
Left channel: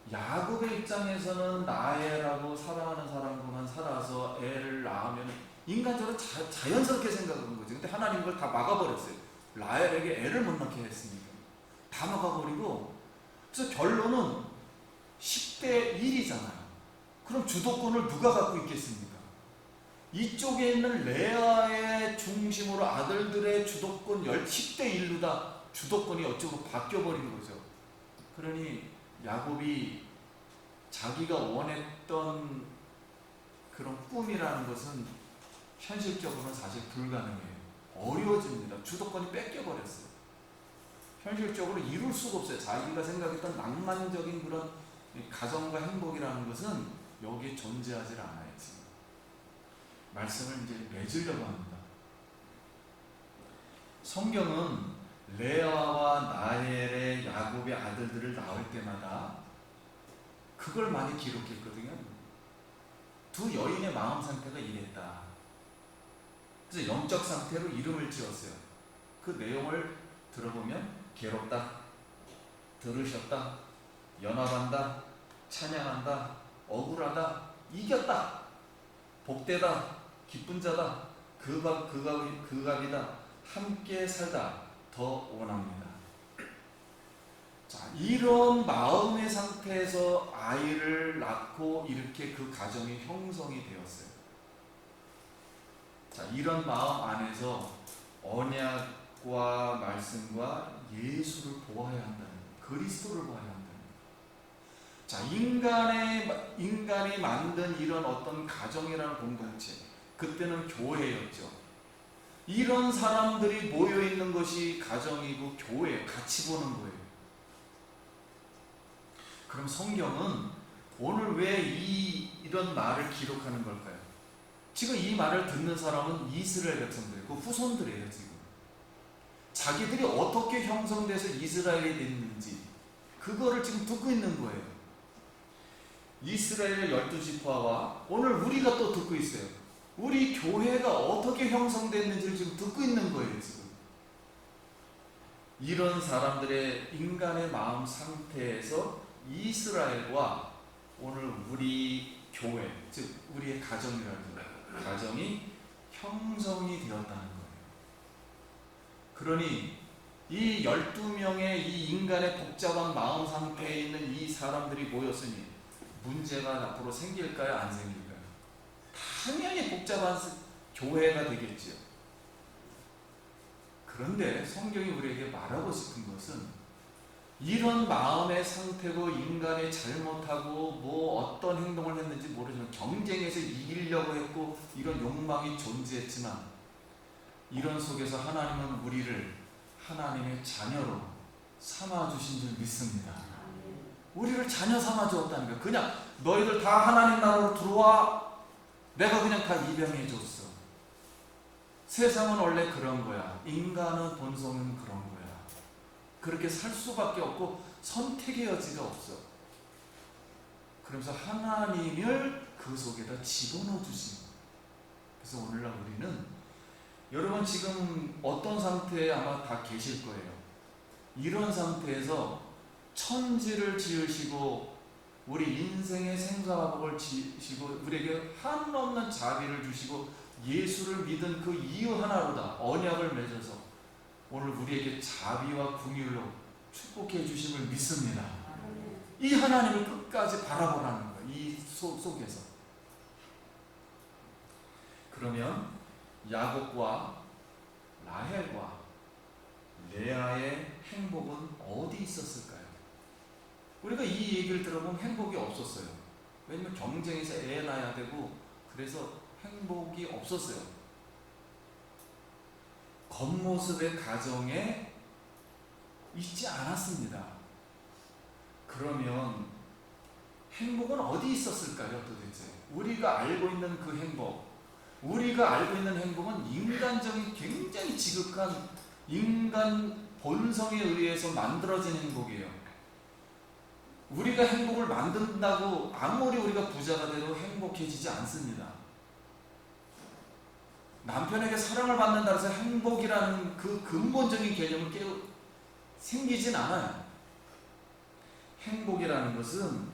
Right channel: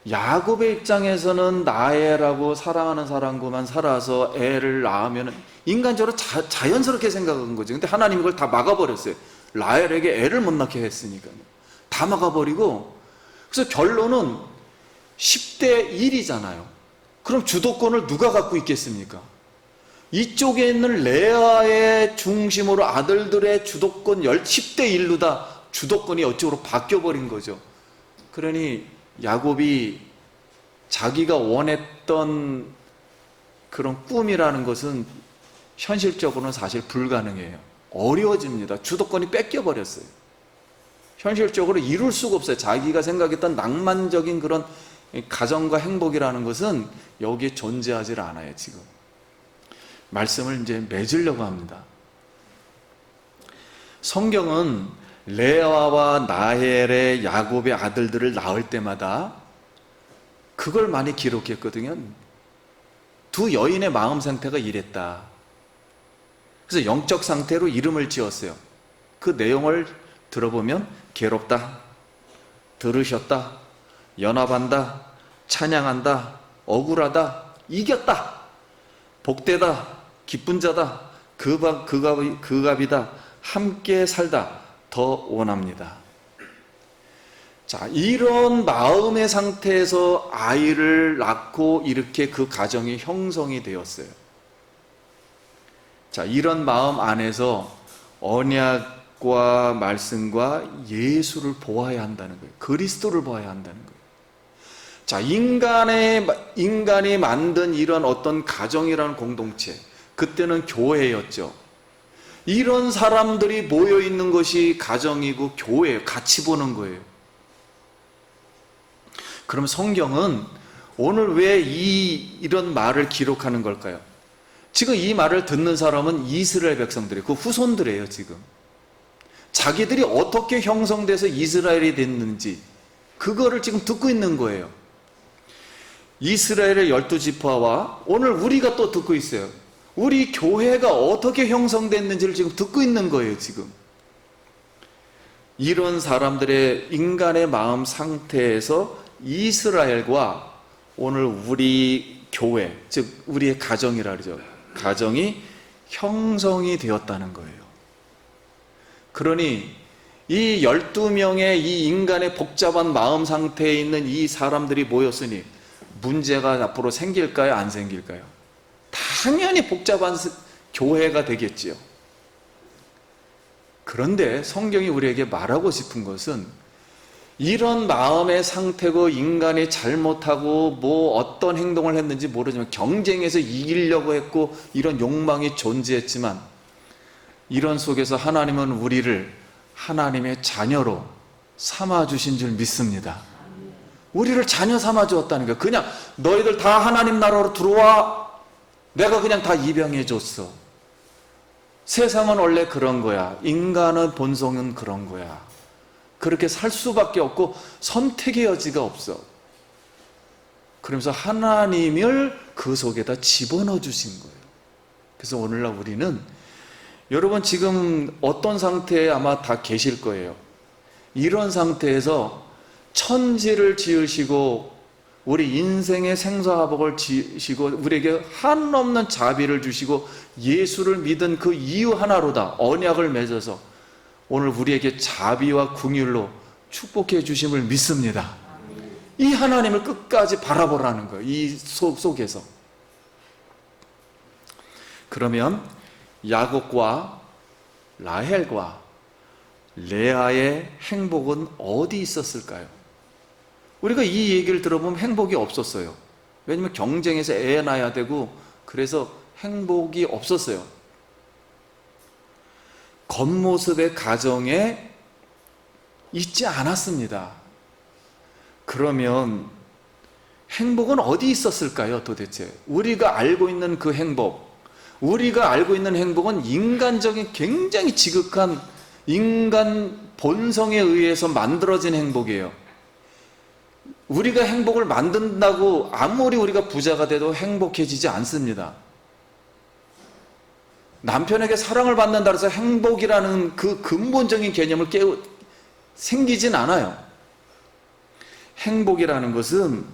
야곱의 입장에서는 라헬하고 사랑하는 사람과만 살아서 애를 낳으면 인간적으로 자연스럽게 생각한 거죠. 근데 하나님 그걸 다 막아버렸어요. 라헬에게 애를 못 낳게 했으니까 다 막아버리고, 그래서 결론은 10대 1이잖아요. 그럼 주도권을 누가 갖고 있겠습니까? 이쪽에 있는 레아의 중심으로 아들들의 주도권 10대 1로 다 주도권이 이쪽으로 바뀌어버린 거죠. 그러니 야곱이 자기가 원했던 그런 꿈이라는 것은 현실적으로는 사실 불가능해요. 어려워집니다. 주도권이 뺏겨버렸어요. 현실적으로 이룰 수가 없어요. 자기가 생각했던 낭만적인 그런 가정과 행복이라는 것은 여기에 존재하지 않아요. 지금 말씀을 이제 맺으려고 합니다. 성경은 레아와 라헬의 야곱의 아들들을 낳을 때마다 그걸 많이 기록했거든요. 두 여인의 마음 상태가 이랬다. 그래서 영적 상태로 이름을 지었어요. 그 내용을 들어보면 괴롭다, 들으셨다, 연합한다, 찬양한다, 억울하다, 이겼다, 복되다, 기쁜 자다, 그갑이다, 함께 살다, 더 원합니다. 자, 이런 마음의 상태에서 아이를 낳고 이렇게 그 가정이 형성이 되었어요. 자, 이런 마음 안에서 언약과 말씀과 예수를 보아야 한다는 거예요. 그리스도를 보아야 한다는 거예요. 자, 인간이 만든 이런 어떤 가정이라는 공동체, 그때는 교회였죠. 이런 사람들이 모여 있는 것이 가정이고 교회예요. 같이 보는 거예요. 그럼 성경은 오늘 왜 이런 말을 기록하는 걸까요? 지금 이 말을 듣는 사람은 이스라엘 백성들이에요. 그 후손들이에요. 지금 자기들이 어떻게 형성돼서 이스라엘이 됐는지 그거를 지금 듣고 있는 거예요. 이스라엘의 12지파와 오늘 우리가 또 듣고 있어요. 우리 교회가 어떻게 형성됐는지를 지금 듣고 있는 거예요. 지금 이런 사람들의 인간의 마음 상태에서 이스라엘과 오늘 우리 교회, 즉 우리의 가정이라 그러죠. 가정이 형성이 되었다는 거예요. 그러니 이 12명의 이 인간의 복잡한 마음 상태에 있는 이 사람들이 모였으니 문제가 앞으로 생길까요? 안 생길까요? 당연히 복잡한 교회가 되겠지요. 그런데 성경이 우리에게 말하고 싶은 것은 이런 마음의 상태고 인간이 잘못하고 뭐 어떤 행동을 했는지 모르지만 경쟁에서 이기려고 했고 이런 욕망이 존재했지만 이런 속에서 하나님은 우리를 하나님의 자녀로 삼아주신 줄 믿습니다. 우리를 자녀 삼아주었다는 거예요. 그냥 너희들 다 하나님 나라로 들어와, 내가 그냥 다 입양해 줬어. 세상은 원래 그런 거야. 인간의 본성은 그런 거야. 그렇게 살 수밖에 없고 선택의 여지가 없어. 그러면서 하나님을 그 속에다 집어넣어 주신 거예요. 그래서 오늘날 우리는 여러분 지금 어떤 상태에 아마 다 계실 거예요. 이런 상태에서 천지를 지으시고 우리 인생의 생사화복을 지으시고 우리에게 한없는 자비를 주시고 예수를 믿은 그 이유 하나로다 언약을 맺어서 오늘 우리에게 자비와 긍휼로 축복해 주심을 믿습니다. 이 하나님을 끝까지 바라보라는 거예요. 이 속에서. 그러면 야곱과 라헬과 레아의 행복은 어디 있었을까요? 우리가 이 얘기를 들어보면 행복이 없었어요. 왜냐하면 경쟁에서 애 낳아야 되고 그래서 행복이 없었어요. 겉모습의 가정에 있지 않았습니다. 그러면 행복은 어디 있었을까요? 도대체 우리가 알고 있는 그 행복, 우리가 알고 있는 행복은 인간적인 굉장히 지극한 인간 본성에 의해서 만들어진 행복이에요. 우리가 행복을 만든다고 아무리 우리가 부자가 돼도 행복해지지 않습니다. 남편에게 사랑을 받는다 해서 행복이라는 그 근본적인 개념을 생기진 않아요. 행복이라는 것은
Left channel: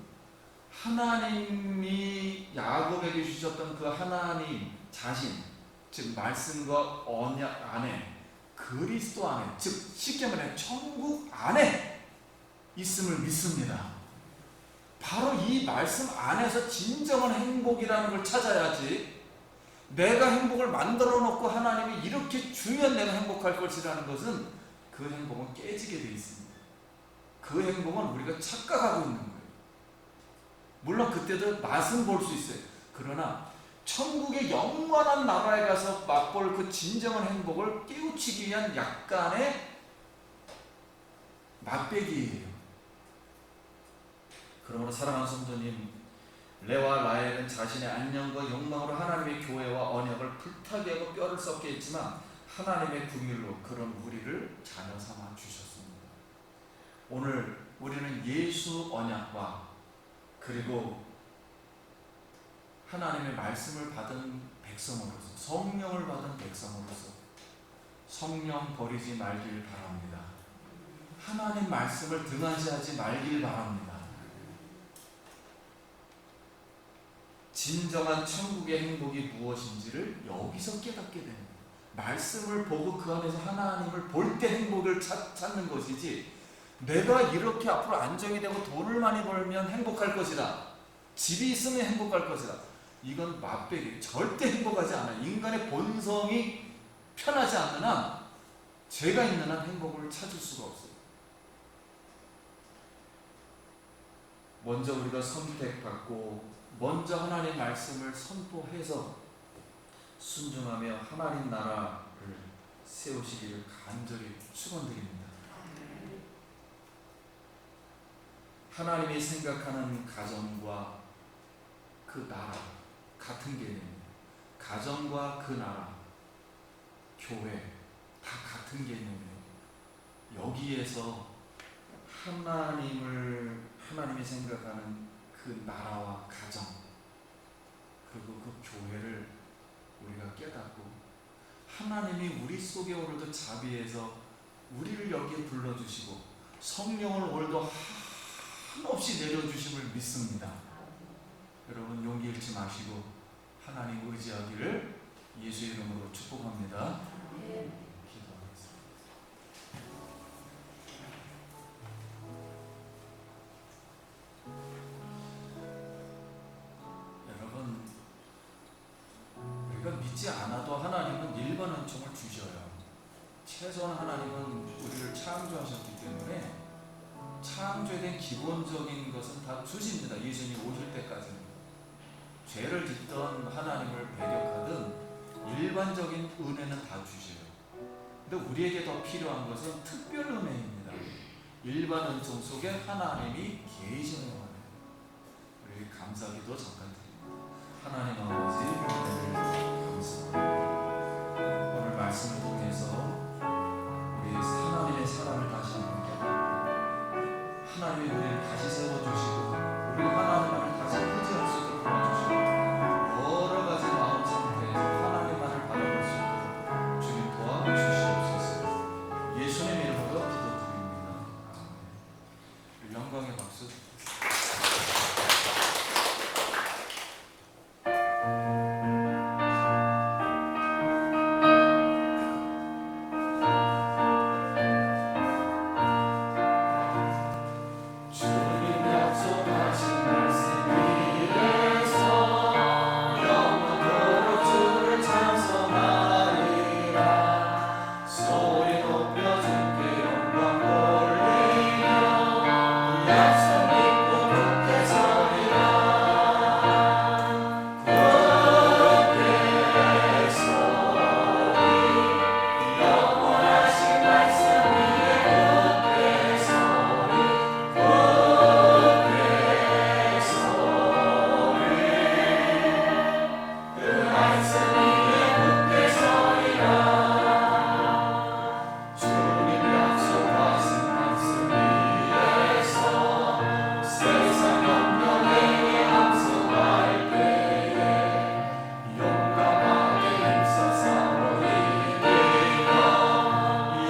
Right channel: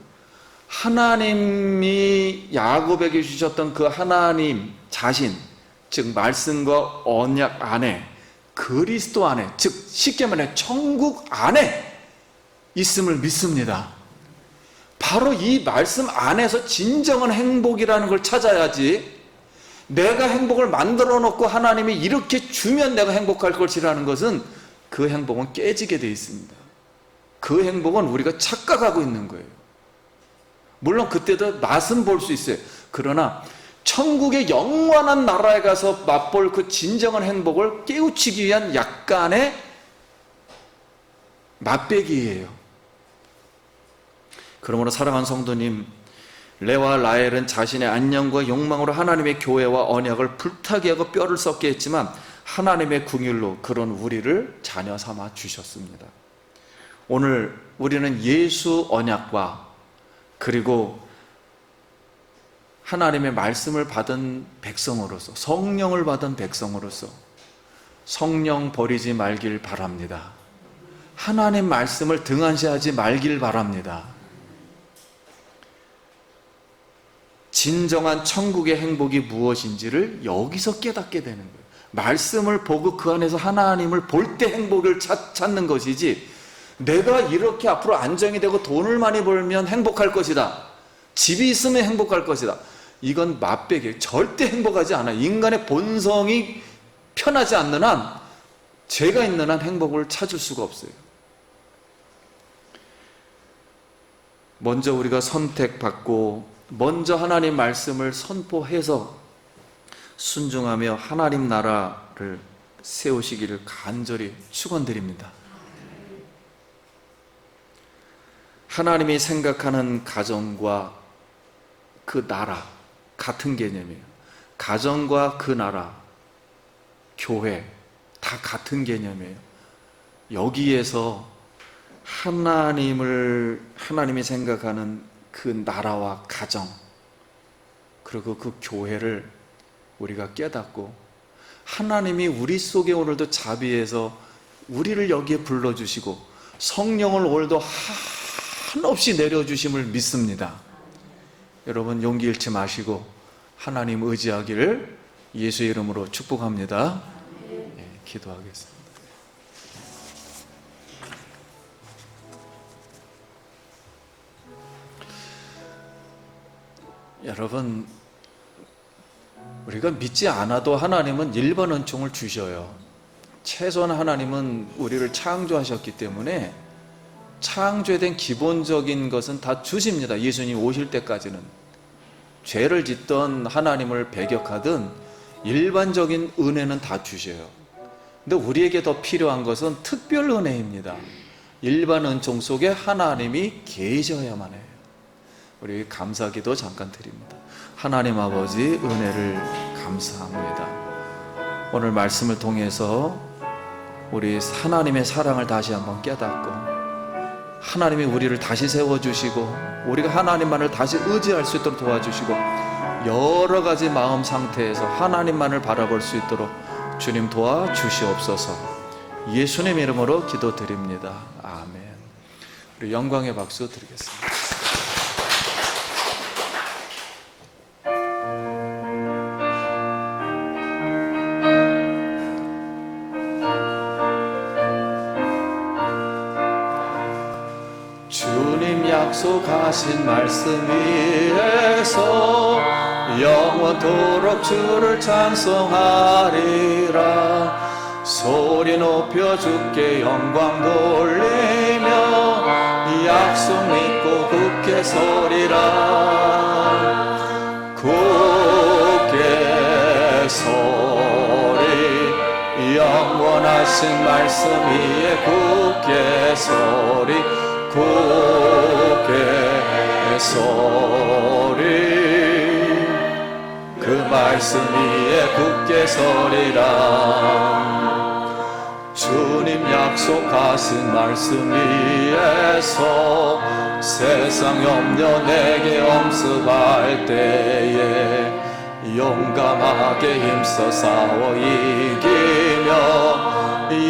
하나님이 야곱에게 주셨던 그 하나님 자신, 즉 말씀과 언약 안에, 그리스도 안에, 즉 쉽게 말해 천국 안에 있음을 믿습니다. 바로 이 말씀 안에서 진정한 행복이라는 걸 찾아야지, 내가 행복을 만들어 놓고 하나님이 이렇게 주면 내가 행복할 것이라는 것은, 그 행복은 깨지게 되어 있습니다. 그 행복은 우리가 착각하고 있는 거예요. 물론 그때도 맛은 볼 수 있어요. 그러나 천국의 영원한 나라에 가서 맛볼 그 진정한 행복을 깨우치기 위한 약간의 맛배기예요. 그러므로 사랑하는 성도님, 레와 라헬은 자신의 안녕과 욕망으로 하나님의 교회와 언약을 불타게 하고 뼈를 썩게 했지만 하나님의 긍휼로 그런 우리를 자녀 삼아 주셨습니다. 오늘 우리는 예수 언약과 그리고 하나님의 말씀을 받은 백성으로서, 성령을 받은 백성으로서 성령 버리지 말길 바랍니다. 하나님 말씀을 등한시하지 말길 바랍니다. 진정한 천국의 행복이 무엇인지를 여기서 깨닫게 되는 거예요. 말씀을 보고 그 안에서 하나님을 볼 때 행복을 찾는 것이지, 내가 이렇게 앞으로 안정이 되고 돈을 많이 벌면 행복할 것이다, 집이 있으면 행복할 것이다, 이건 맛배기. 절대 행복하지 않아요. 인간의 본성이 편하지 않는 한, 죄가 있는 한 행복을 찾을 수가 없어요. 먼저 우리가 선택받고 먼저 하나님 말씀을 선포해서 순종하며 하나님 나라를 세우시기를 간절히 축원드립니다. 하나님이 생각하는 가정과 그 나라 같은 개념이에요. 가정과 그 나라, 교회 다 같은 개념이에요. 여기에서 하나님이 생각하는 그 나라와 가정, 그리고 그 교회를 우리가 깨닫고, 하나님이 우리 속에 오늘도 자비해서 우리를 여기에 불러주시고 성령을 오늘도 한없이 내려주심을 믿습니다. 여러분 용기 잃지 마시고 하나님 의지하기를 예수의 이름으로 축복합니다. 기도하겠습니다. 여러분, 우리가 믿지 않아도 하나님은 일반 은총을 주셔요. 최소한 하나님은 우리를 창조하셨기 때문에 창조된 기본적인 것은 다 주십니다. 예수님 오실 때까지는. 죄를 짓던 하나님을 배격하든 일반적인 은혜는 다 주셔요. 근데 우리에게 더 필요한 것은 특별 은혜입니다. 일반 은총 속에 하나님이 계셔야만 해요. 우리 감사기도 잠깐 드립니다. 하나님 아버지 은혜를 감사합니다. 오늘 말씀을 통해서 우리 하나님의 사랑을 다시 한번 깨닫고, 하나님이 우리를 다시 세워주시고 우리가 하나님만을 다시 의지할 수 있도록 도와주시고, 여러 가지 마음 상태에서 하나님만을 바라볼 수 있도록 주님 도와주시옵소서. 예수님 이름으로 기도드립니다. 아멘. 우리 영광의 박수 드리겠습니다. 약속하신 말씀 위에서 영원토록 주를 찬송하리라. 소리 높여 주께 영광 돌리며 약속 믿고 굳게 서리라. 굳게 서리, 영원하신 말씀 위에 굳게 서리. 그 말씀 위에 굳게 서리라. 주님 약속 약속하신 말씀 위에서 세상 염려 내게 엄습할 때에 용감하게 힘써 싸워 이기며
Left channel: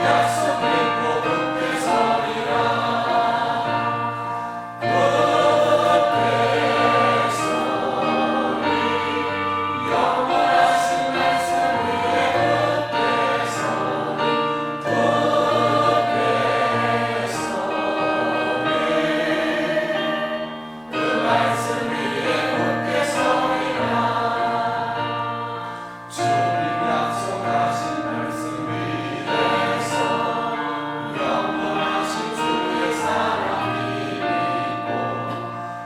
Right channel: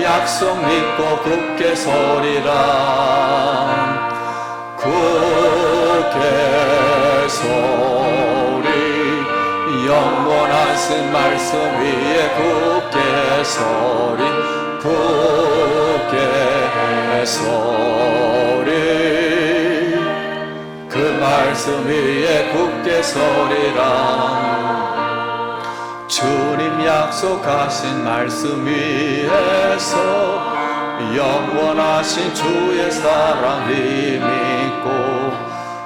약속 믿고 굳게 서리라. 굳게 서리 영원하신 말씀 위에 굳게 서리 굳게 서리 그 말씀 위에 굳게 서리라. 주님 약속하신 말씀 위에서 영원하신 주의 사랑 믿고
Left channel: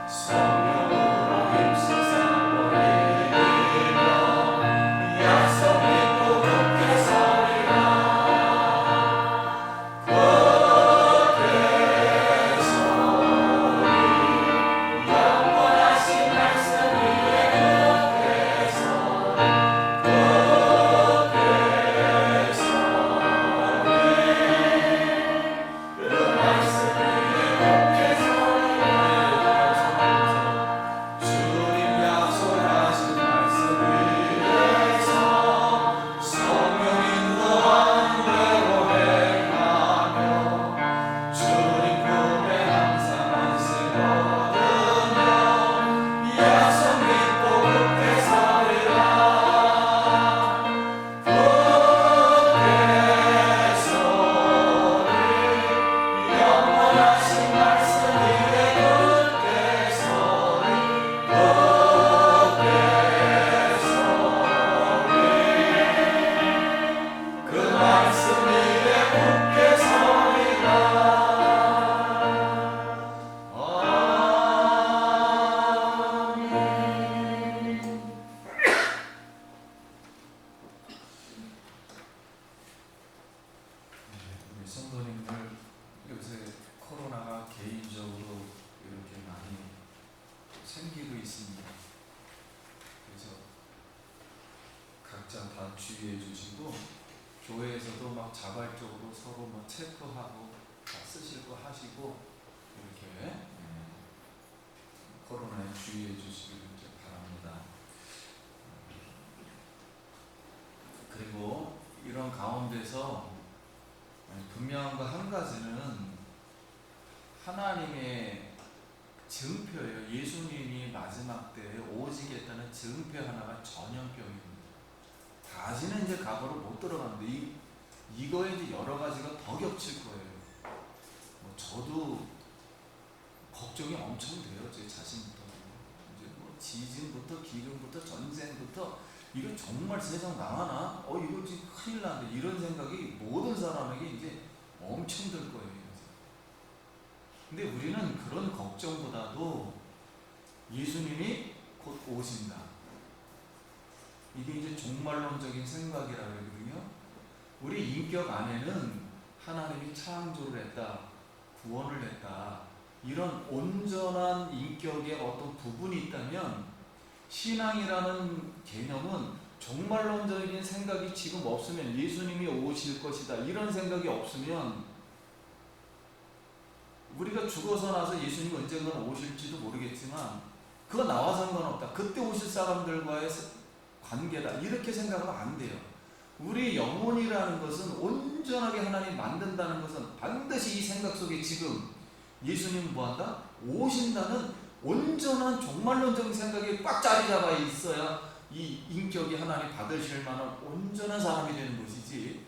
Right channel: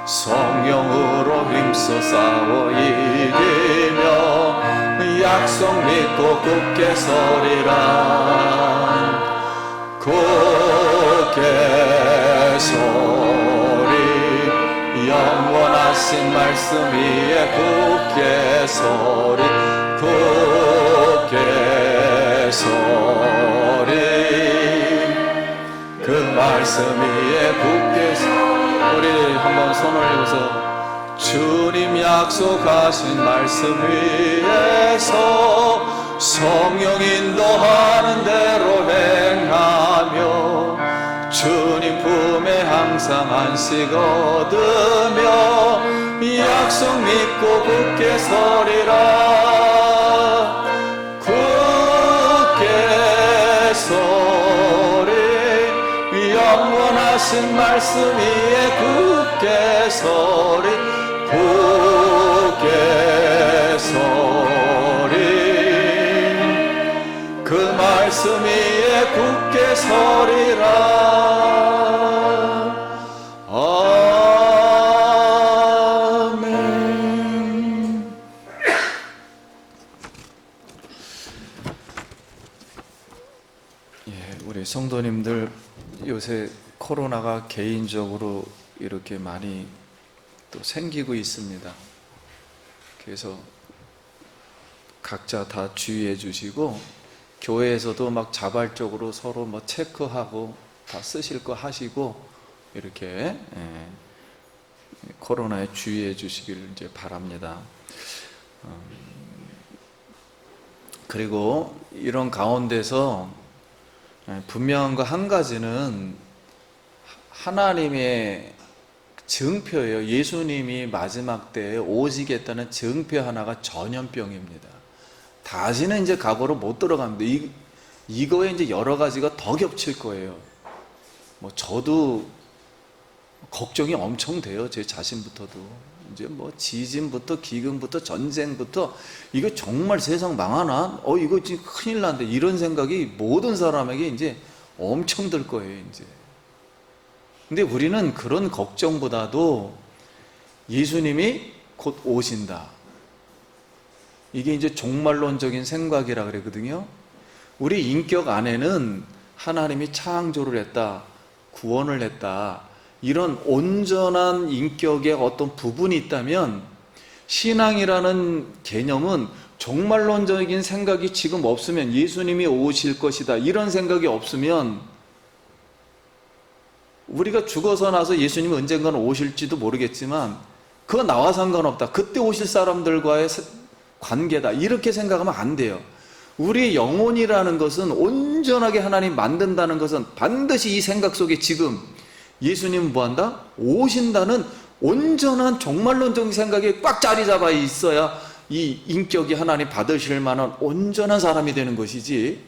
성령으로 힘써 싸워 이기며 약속 믿고 굳게 서리라. 굳게 서리 영원하신 말씀 위에 굳게 서리 굳게 서리 그 말씀 위에 굳게 서리. 우리 한번 손을 들어서 주님 약속하신 말씀 위에서 성령 인도하는 대로 행하며 주님 품에 항상 안식 얻으며 약속 믿고 굳게 서리라. 굳게 서리 영원하신 말씀 위에 굳게 서리 굳게 서리 그 말씀 위에 굳게 서리라. 우리 성도님들 요새 코로나가 개인적으로 이렇게 많이 또 생기고 있습니다. 그래서 각자 다 주의해 주시고 교회에서도 막 자발적으로 서로 뭐 체크하고 다 쓰실 거 하시고 이렇게 코로나에 주의해 주시기를 이제 바랍니다. 그리고 이런 가운데서 분명한 거 한 가지는 하나님의 증표예요. 예수님이 마지막 때에 오시겠다는 증표 하나가 전염병입니다. 다시는 이제 과거로 못 들어갑니다. 이거에 이제 여러 가지가 더 겹칠 거예요. 뭐 저도 걱정이 엄청 돼요. 제 자신부터도. 이제 뭐 지진부터 기근부터 전쟁부터 이거 정말 세상 망하나? 이거 지금 큰일 난데 이런 생각이 모든 사람에게 이제 엄청 들 거예요, 이제. 근데 우리는 그런 걱정보다도 예수님이 곧 오신다. 이게 이제 종말론적인 생각이라 그러거든요. 우리 인격 안에는 하나님이 창조를 했다, 구원을 했다, 이런 온전한 인격의 어떤 부분이 있다면 신앙이라는 개념은 종말론적인 생각이 지금 없으면 예수님이 오실 것이다 이런 생각이 없으면 우리가 죽어서 나서 예수님이 언젠가는 오실지도 모르겠지만 그거 나와 상관없다, 그때 오실 사람들과의 관계다 이렇게 생각하면 안 돼요. 우리 영혼이라는 것은 온전하게 하나님 만든다는 것은 반드시 이 생각 속에 지금 예수님은 뭐한다? 오신다는 온전한 종말론적인 생각이 꽉 자리 잡아 있어야 이 인격이 하나님 받으실 만한 온전한 사람이 되는 것이지,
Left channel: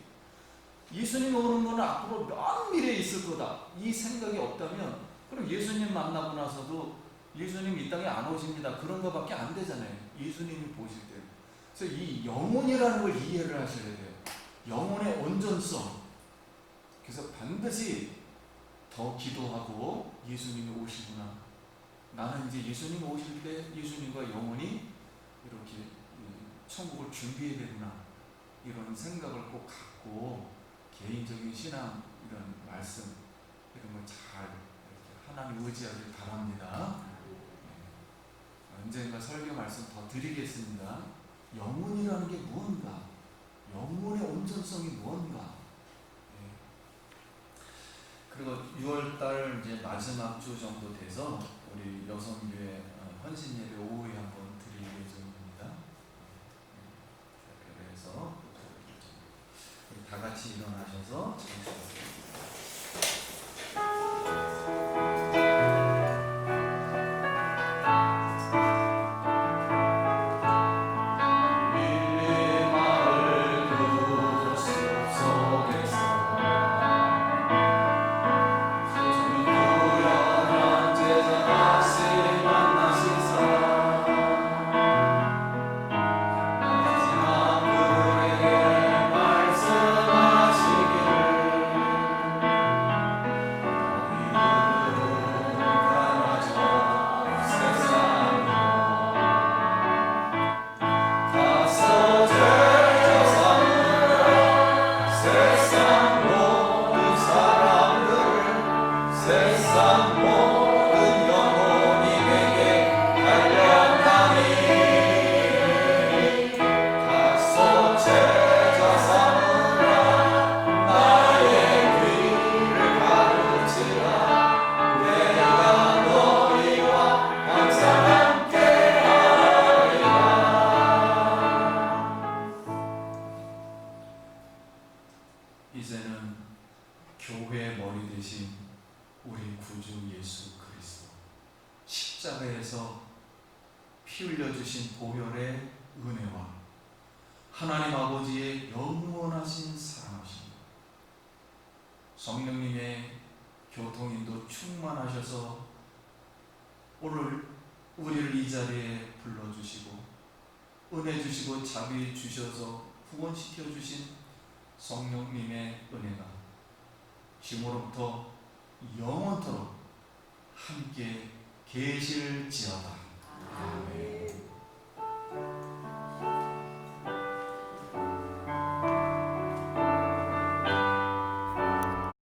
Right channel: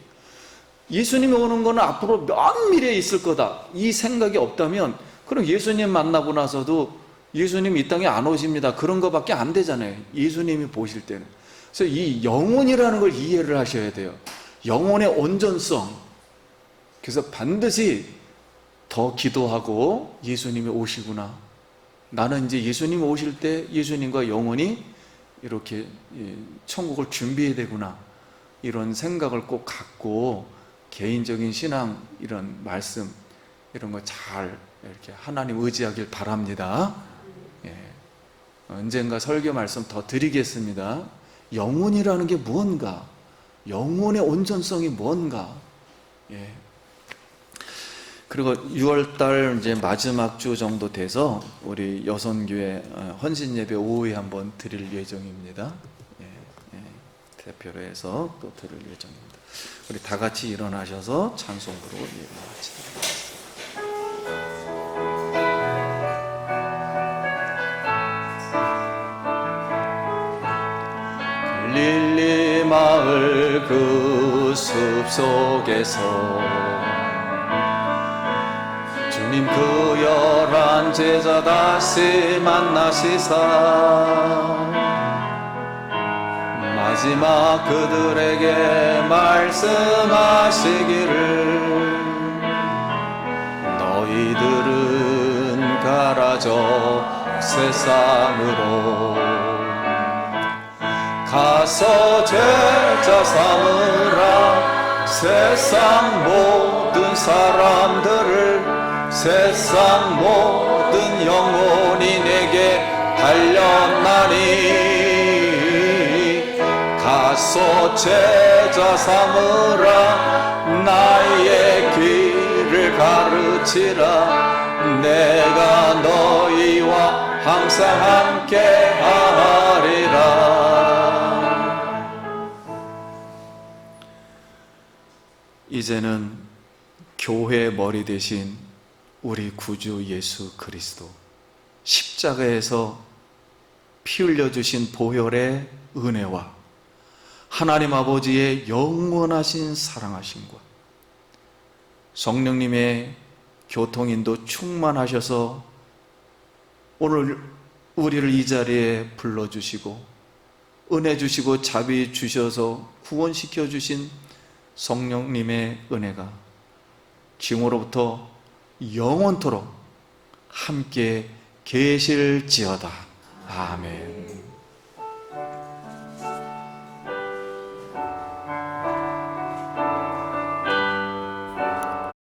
예수님이 오는 거는 앞으로 먼 미래에 있을 거다 이 생각이 없다면 그럼 예수님 만나고 나서도 예수님 이 땅에 안 오십니다 그런 거밖에 안 되잖아요. 예수님이 보실 때는. 그래서 이 영혼이라는 걸 이해를 하셔야 돼요. 영혼의 온전성. 그래서 반드시 더 기도하고 예수님이 오시구나, 나는 이제 예수님이 오실 때 예수님과 영원히 이렇게 천국을 준비해야 되구나, 이런 생각을 꼭 갖고 개인적인 신앙 이런 말씀 이런 거 잘 이렇게 하나님 의지하길 바랍니다. 언젠가 설교 말씀 더 드리겠습니다. 영혼이라는 게 무언가, 영혼의 온전성이 무언가. 그리고 6월달 이제 마지막 주 정도 돼서 우리 여선교회 헌신예배 오후에 한번 드릴 예정입니다. 대표로 해서 또 드릴 예정입니다. 우리 다 같이 일어나셔서 찬송으로 일어나시다. 릴리 마을 그 숲속에서 주님 그 11 제자 다시 만나시사 마지막 그들에게 말씀하시기를 너희들은 가라져 세상으로 가서 제자 삼으라 세상 모든 사람들을 세상 모든 영혼이 내게 달렸나니 가서 제자 삼으라 나의 길을 가르치라 내가 너희와 항상 함께 하리라. 이제는 교회의 머리 대신 우리 구주 예수 그리스도 십자가에서 피 흘려 주신 보혈의 은혜와 하나님 아버지의 영원하신 사랑하심과 성령님의 교통인도 충만하셔서 오늘 우리를 이 자리에 불러주시고 은혜 주시고 자비 주셔서 구원시켜 주신 성령님의 은혜가 지금으로부터 영원토록 함께 계실지어다. 아멘.